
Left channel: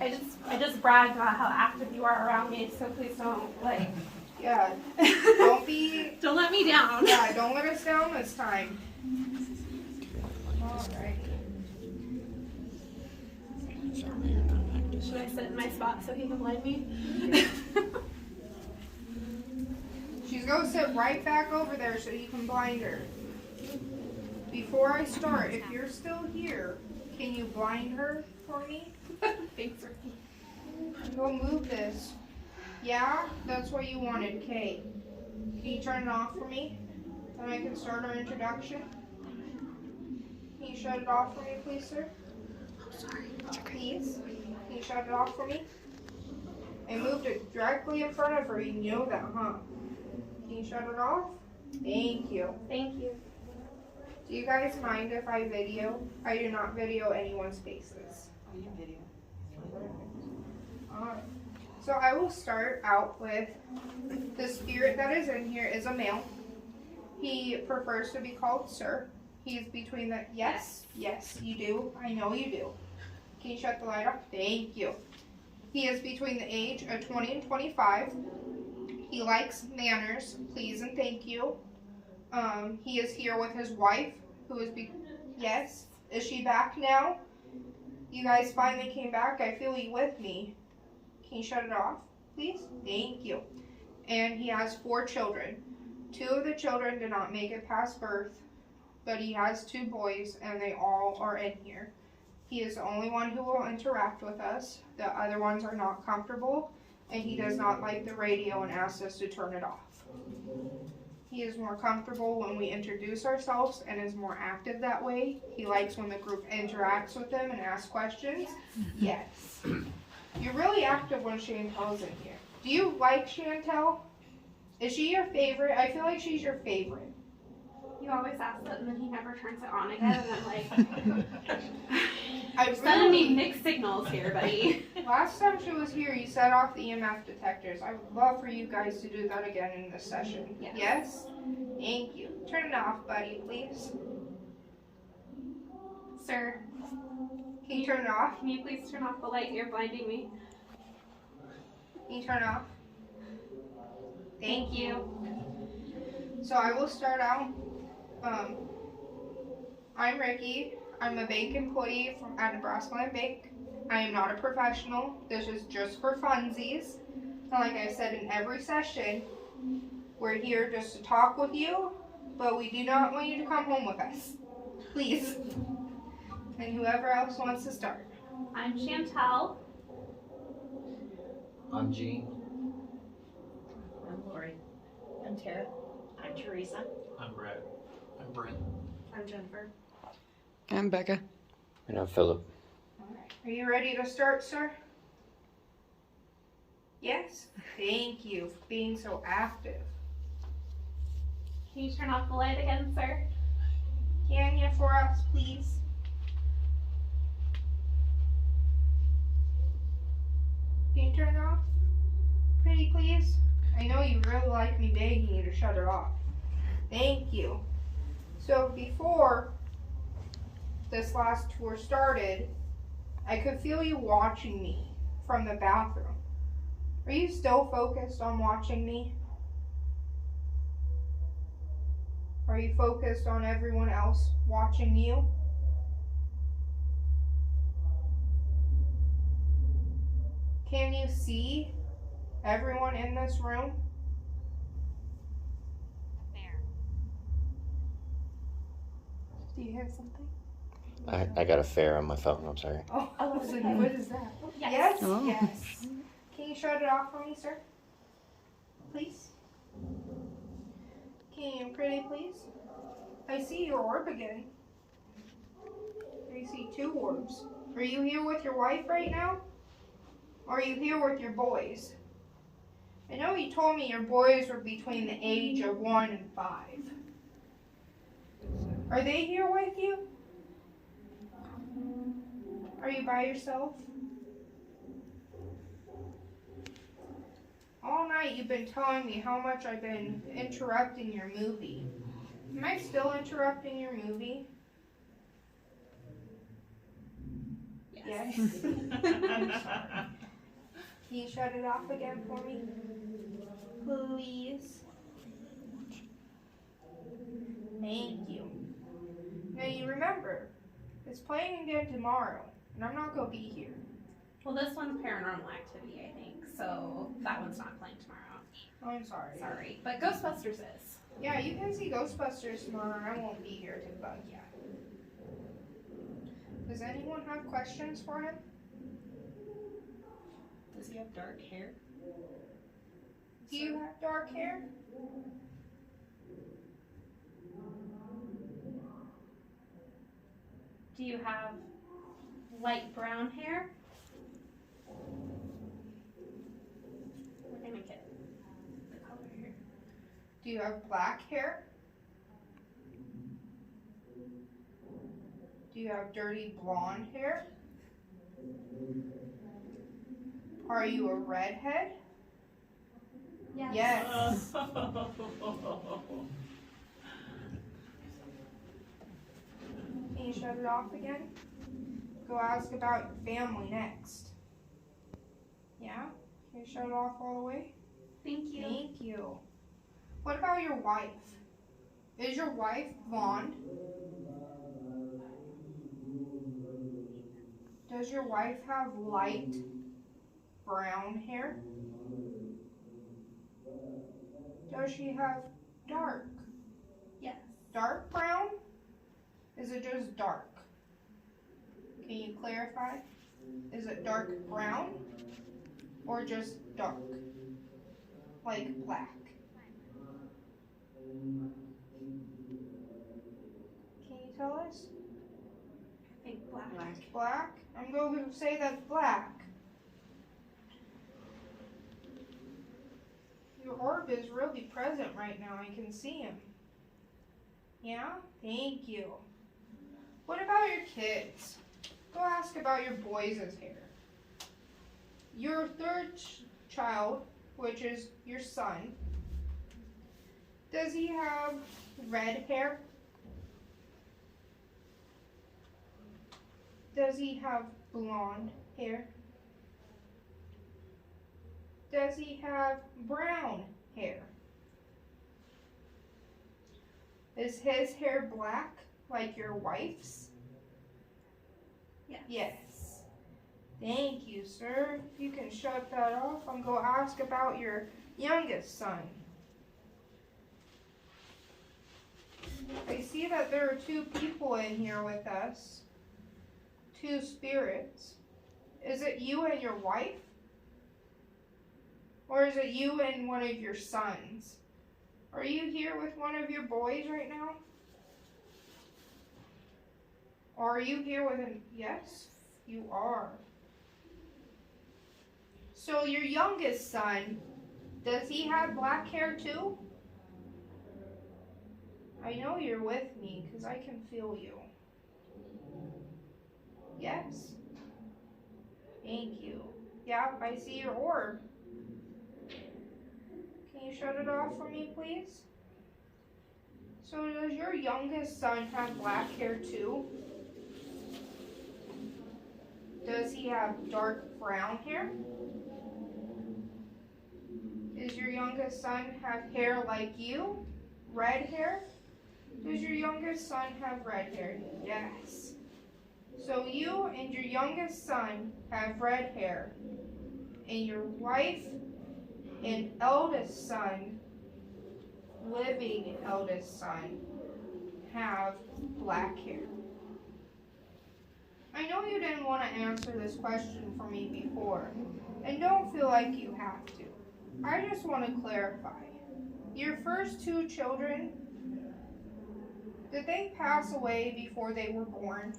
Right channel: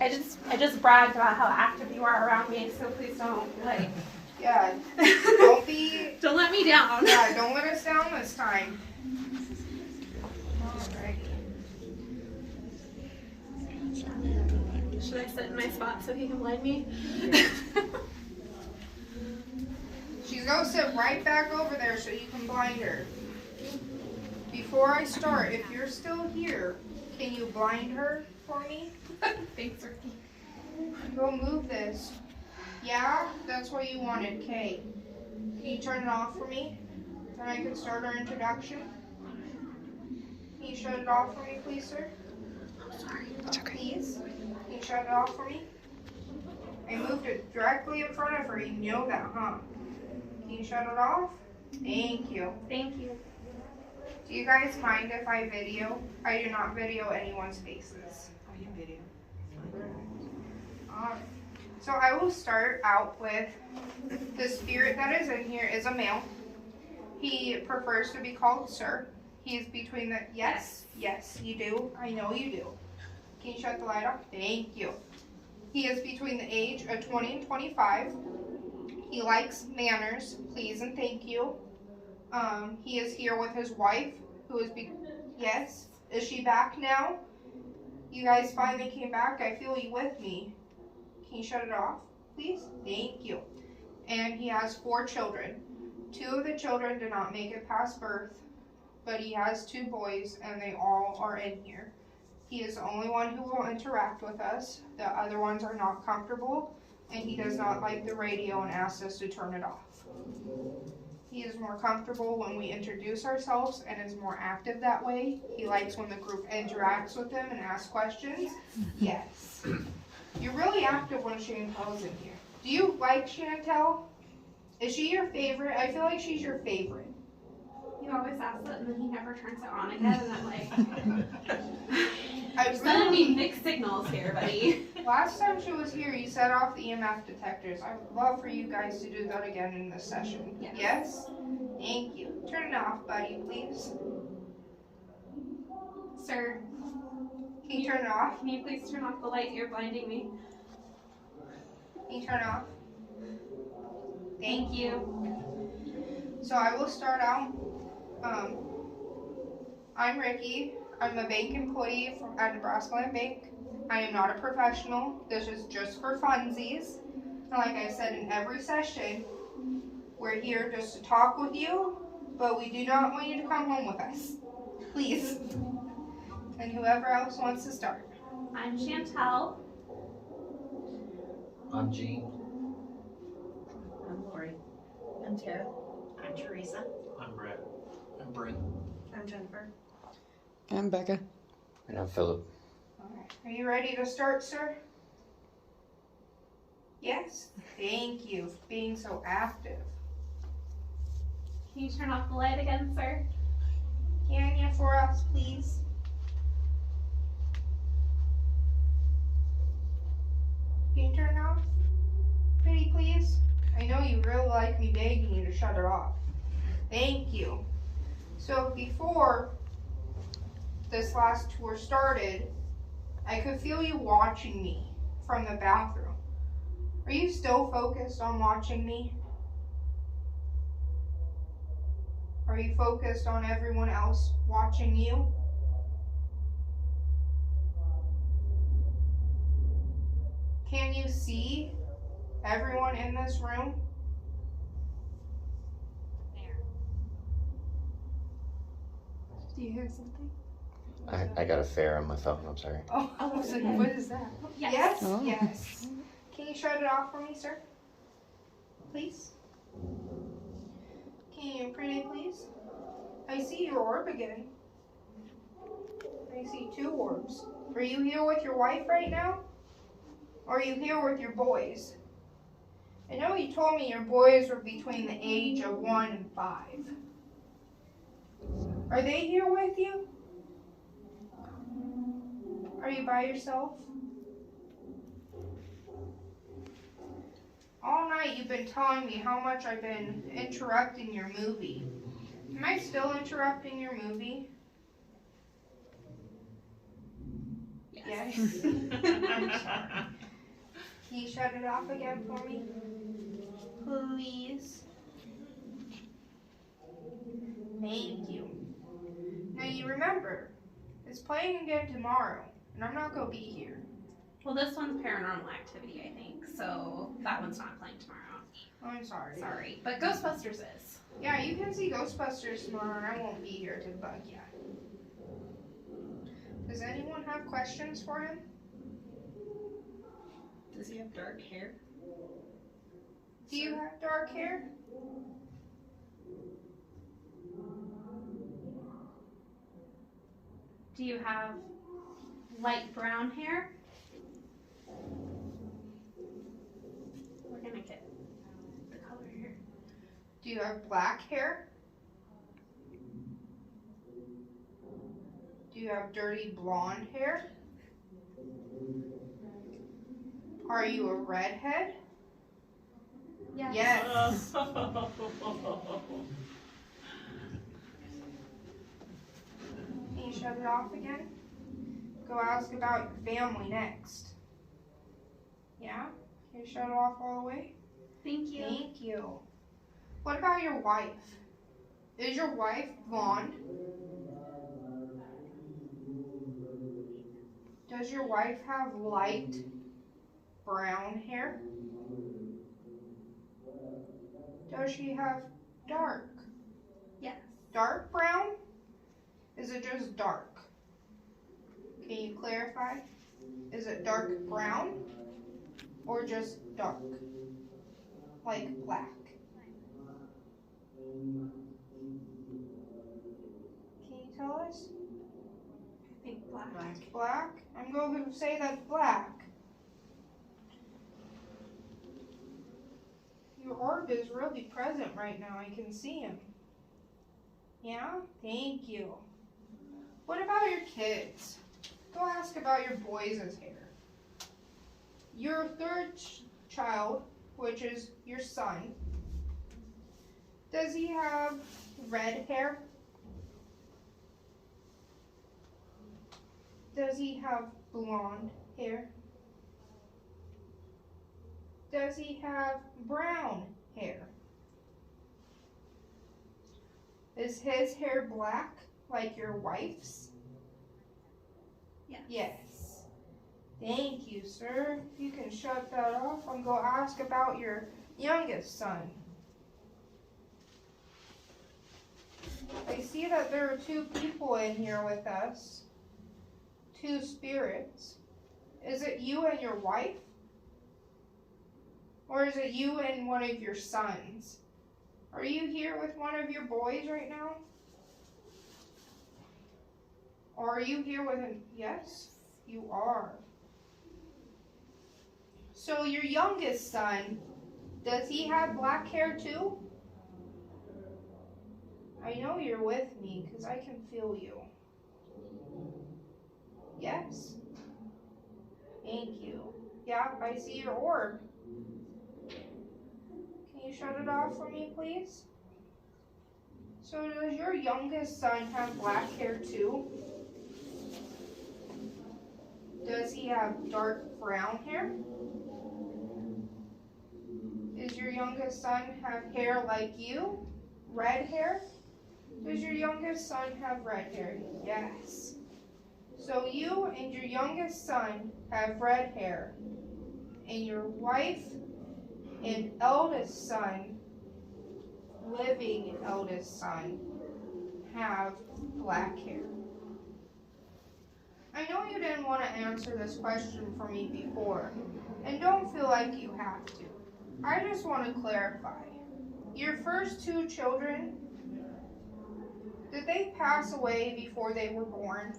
I just bragged about how active you are around me, so please don't, like, Yeah, don't be, don't let me down. yeah, don't let us down this time. Alright. Should I sit in my spot so he can blind me? She's gonna sit right back over there so you can blind her. Before I start, if you're still here, can you blind her for me? Thanks, Ricky. Go move this. Yeah, that's what you wanted, Kate. Can you turn it off for me? Then I can start our introduction. Can you shut it off for me, please, sir? It's okay. Please? Can you shut it off for me? I moved it directly in front of her. You know that, huh? Can you shut it off? Thank you. Thank you. Do you guys mind if I video? I do not video anyone's faces. Oh, you video. Alright. So I will start out with the spirit that is in here is a male. He prefers to be called sir. He is between the yes, you do. I know you do. Can you shut the light off? Thank you. He is between the age of 20 and 25. He likes manners, please and thank you. He is here with his wife, who is yes. Is she back now? You guys finally came back. I feel you with me. Can you shut it off, please? Thank you. And he has 4 children. 2 of the children did not make it past birth, but he has 2 boys, and they all are in here. He is the only one who will interact with us. The other ones are not comfortable, and he does not like the radio and asks us to turn it off. He is more comfortable when we introduce ourselves and is more active that way. He likes when the group interacts with him and asks questions. Yes. You're really active when Chantel's in here. Do you like Chantel? Is she your favorite? I feel like she's your favorite. You always ask that, and then he never turns it on again, and I'm like, I sending me mixed signals here, buddy. Last time she was here, you set off the EMF detectors. I would love for you guys to do that again in this session. Yes. Yes? Thank you. Turn it off, buddy, please. Sir, Can you turn it off? can you please turn off the light? You're blinding me. Can you turn it off? Thank you. So I will start out. I'm Ricky. I'm a bank employee at Nebraska Land Bank. I am not a professional. This is just for funsies. And like I said in every session, we're here just to talk with you, but we do not want you to come home with us. Please. And whoever else wants to start. I'm Chantel. I'm Gene. I'm Lori. I'm Tara. I'm Teresa. I'm Brett. I'm Brent. I'm Jennifer. I'm Becca. And I'm Philip. Alright. Are you ready to start, sir? Yes? Thank you for being so active. Can you turn off the light again, sir? Can you for us, please? Can you turn it off? Pretty please? I know you really like me begging you to shut it off. Thank you. So before this last tour started, I could feel you watching me from the bathroom. Are you still focused on watching me? Are you focused on everyone else watching you? Can you see everyone in this room? Do you hear something? I got a fare on my phone, I'm sorry. Oh, I was like, what is that? Yes. Yes? Oh. Yes. Can you shut it off for me, sir? Please? Can you pretty please? I see your orb again. I see 2 orbs. Are you here with your wife right now? Or are you here with your boys? I know you told me your boys were between the age of 1 and 5. Are they here with you? Are you by yourself? All night you've been telling me how much I've been interrupting your movie. Am I still interrupting your movie? Yes. I'm sorry. Can you shut it off again for me? Please. Thank you. Now you remember, it's playing again tomorrow, and I'm not going to be here. Well, this one's Paranormal Activity, I think, so that one's not playing tomorrow. Oh, I'm sorry. Sorry, but Ghostbusters is. Yeah, you can see Ghostbusters tomorrow. I won't be here to bug you. Does anyone have questions for him? Does he have dark hair? Do you have dark hair? Do you have light brown hair? We're gonna get the color here. Do you have black hair? Do you have dirty blonde hair? Are you a redhead? Yes. Yes. Can you shut it off again? Go ask about your family next. Yeah? Can you shut it off all the way? Thank you. Thank you. What about your wife? Is your wife blonde? Does your wife have light brown hair? Does she have dark? Yes. Dark brown? Is it just dark? Can you clarify? Is it dark brown or just dark? Like black? Can you tell us? I think black. Black? I'm going to say that's black. Your orb is really present right now. I can see him. Yeah? Thank you. What about your kids? Go ask about your boys' hair. Your third child, which is your son, does he have red hair? Does he have blonde hair? Does he have brown hair? Is his hair black like your wife's? Yes. Yes. Thank you, sir. You can shut that off. I'm going to ask about your youngest son. I see that there are two people in here with us. Two spirits. Is it you and your wife? Or is it you and one of your sons? Are you here with one of your boys right now? Or are you here with him? Yes, you are. So your youngest son, does he have black hair too? I know you're with me because I can feel you. Yes. Thank you. Yeah, I see your orb. Can you shut it off for me, please? So does your youngest son have black hair too? Does he have dark brown hair? Does your youngest son have hair like you? Red hair? Does your youngest son have red hair? Yes. So you and your youngest son have red hair, and your wife and eldest son, living eldest son, have black hair. I know you didn't want to answer this question for me before, and don't feel like you have to. I just want to clarify. Your first two children, did they pass away before they were born?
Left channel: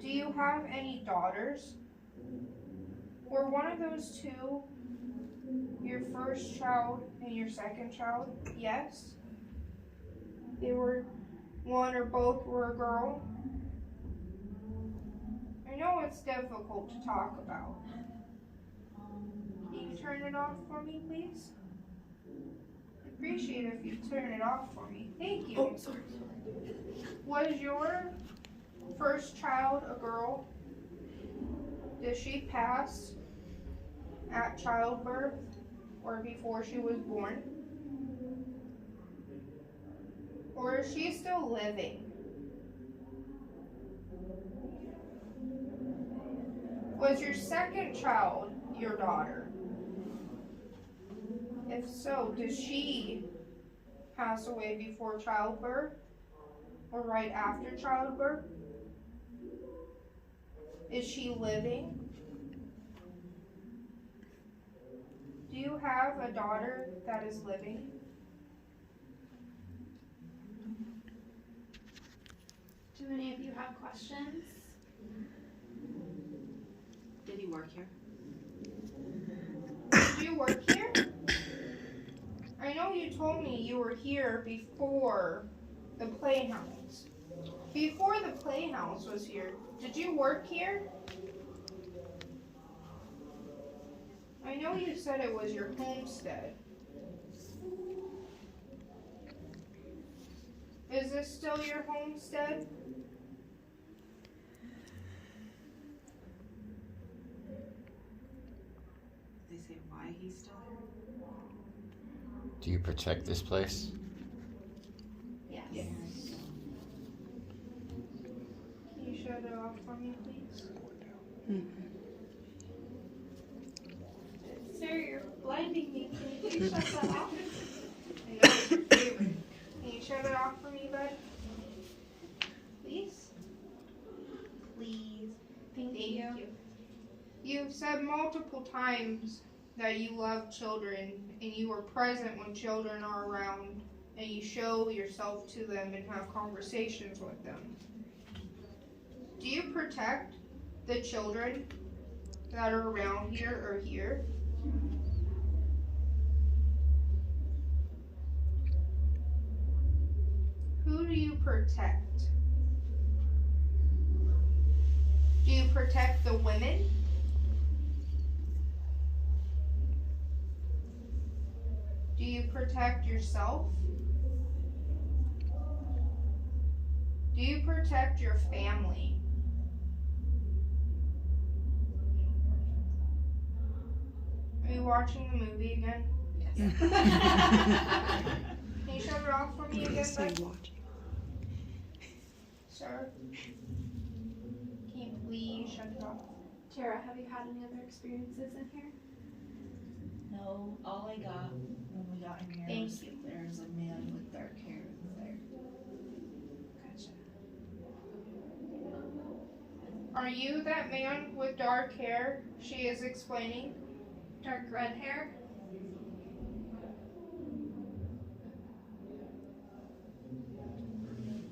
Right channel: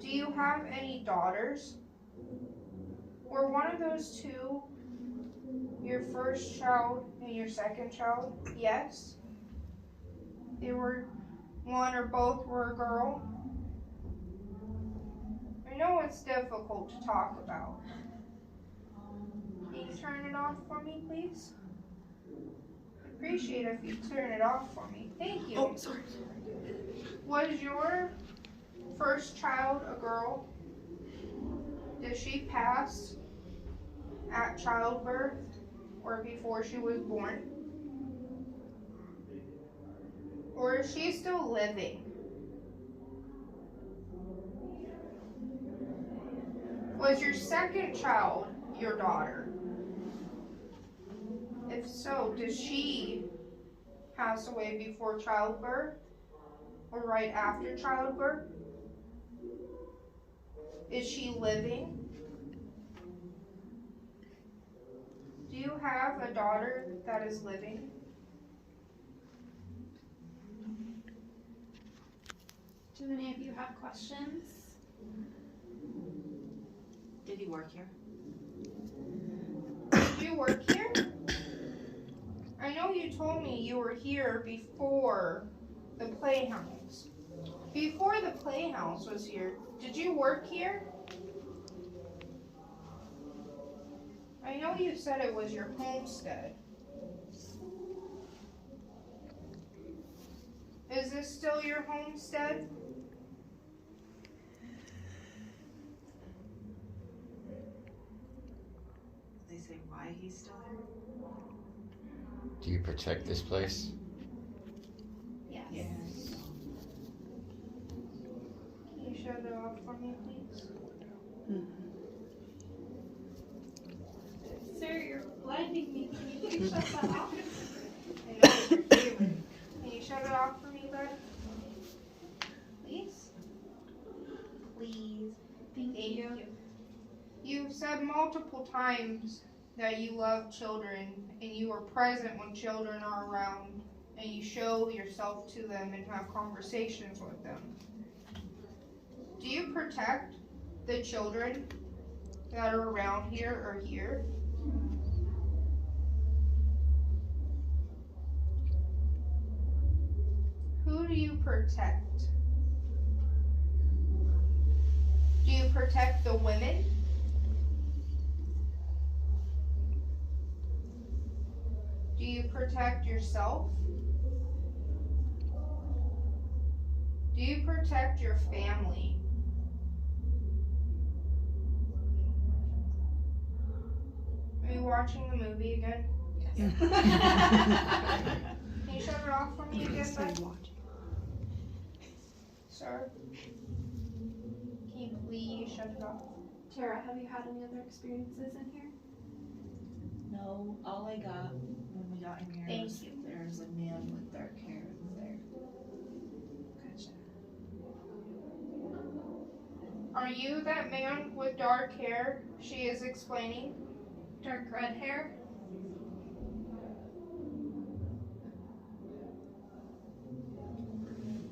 Do you have any daughters? Were one of those two your first child and your second child? Yes. They were, one or both were a girl? I know it's difficult to talk about. Can you turn it off for me, please? I'd appreciate it if you turn it off for me. Thank you. Oh, sorry. Was your first child a girl? Did she pass at childbirth or before she was born? Or is she still living? Was your second child your daughter? If so, did she pass away before childbirth or right after childbirth? Is she living? Do you have a daughter that is living? Do any of you have questions? Did you work here? Did you work here? I know you told me you were here before the playhouse. Before the playhouse was here, did you work here? I know you said it was your homestead. Is this still your homestead? They say why he's still here? Do you protect this place? Yes. Yes. Can you shut it off for me, please? Sir, you're blinding me. Can you please shut that off? I know it's your favorite. Can you shut it off for me, bud? Please? Please. Thank you. You've said multiple times that you love children and you are present when children are around and you show yourself to them and have conversations with them. Do you protect the children that are around here or here? Who do you protect? Do you protect the women? Do you protect yourself? Do you protect your family? Are you watching the movie again? Yes. Can you shut it off for me again, bud? Sir? Can you please shut it off? Tara, have you had any other experiences in here? No, all I got when we got in here Thank was you. there's a man with dark hair there. Are you that man with dark hair she is explaining? Dark red hair?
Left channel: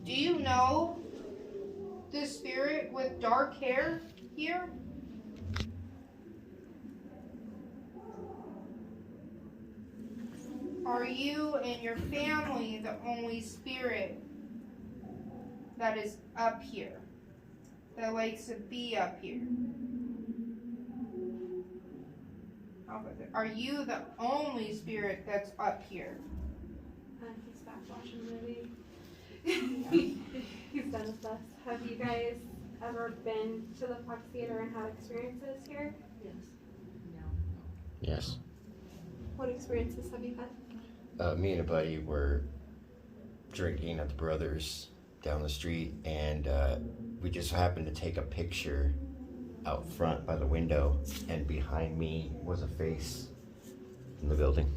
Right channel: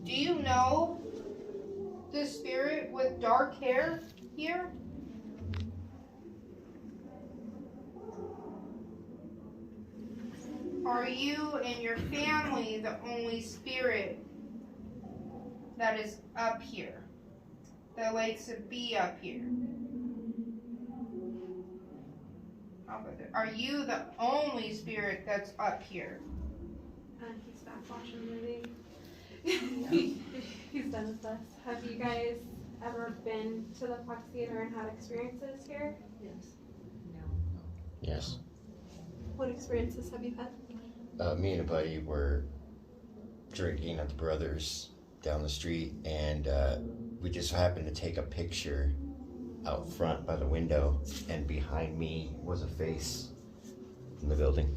Do you know the spirit with dark hair here? Are you and your family the only spirit that is up here? That likes to be up here? How about that? Are you the only spirit that's up here? He's back watching the movie. He's done with us. Have you guys ever been to the Fox Theater and had experiences here? Yes. Yes. What experiences have you had? Me and a buddy were drinking at the Brothers down the street, and we just happened to take a picture out front by the window, and behind me was a face in the building.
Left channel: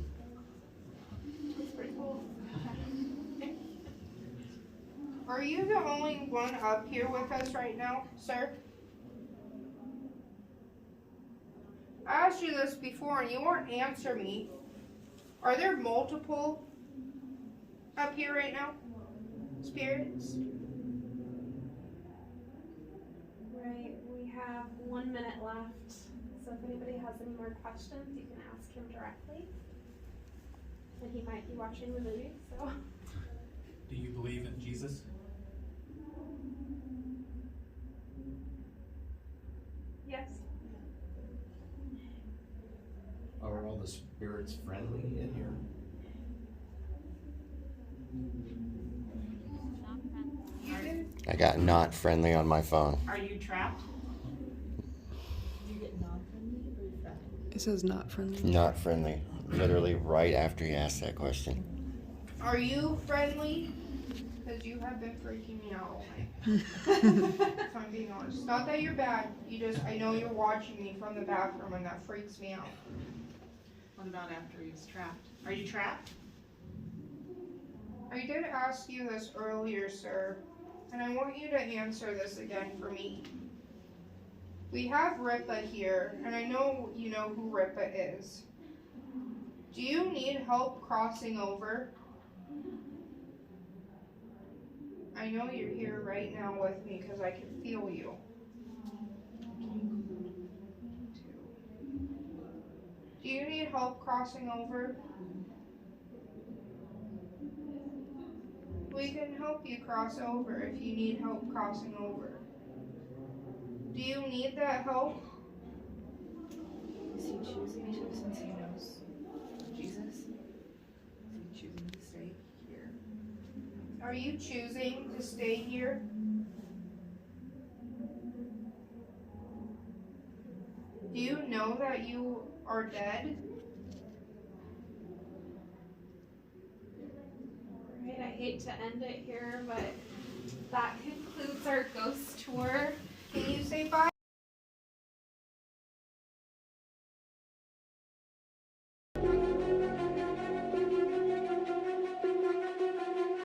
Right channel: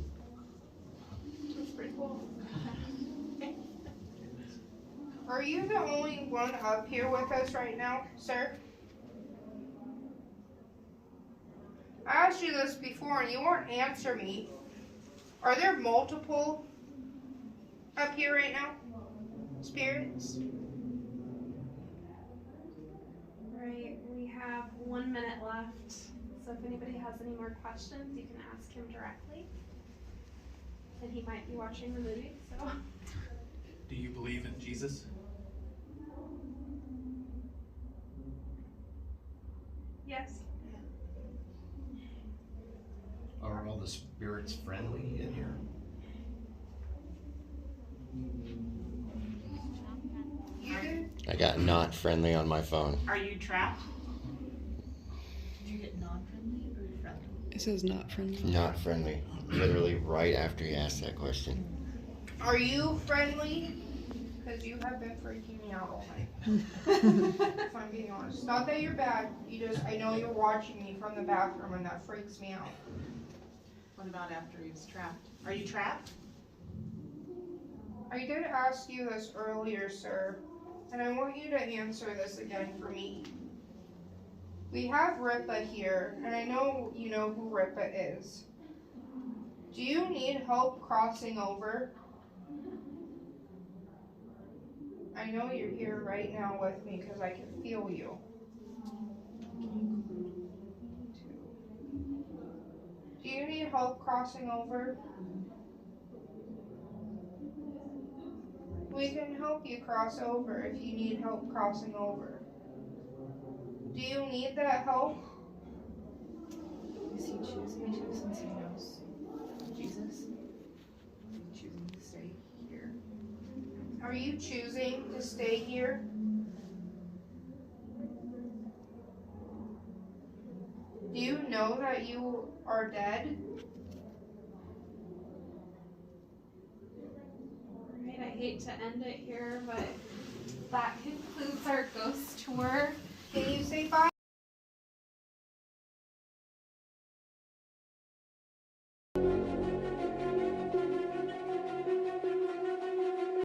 That's pretty cool. Are you the only one up here with us right now, sir? I asked you this before and you won't answer me. Are there multiple up here right now? Spirits? Right, we have 1 minute left. So if anybody has any more questions, you can ask him directly. And he might be watching the movie, so. Do you believe in Jesus? Yes. Are all the spirits friendly in here? You did? I got not friendly on my phone. Are you trapped? Do you get non-friendly or friendly? It says not friendly. Not friendly. Literally right after you asked that question. Are you friendly? Because you have been freaking me out all night. If I'm being honest. Not that you're bad, I know you're watching me from the bathroom and that freaks me out. What about after he was trapped? Are you trapped? I did ask you this earlier, sir, and I want you to answer this again for me. We have Ripa here, and I know you know who Ripa is. Do you need help crossing over? I know you're here right now with me because I can feel you. Do you need help crossing over? We can help you cross over if you need help crossing over. Do you need that help? Is he choosing to since he knows Jesus? Is he choosing to stay here? Are you choosing to stay here? Do you know that you are dead? Right, I hate to end it here, but that concludes our ghost tour.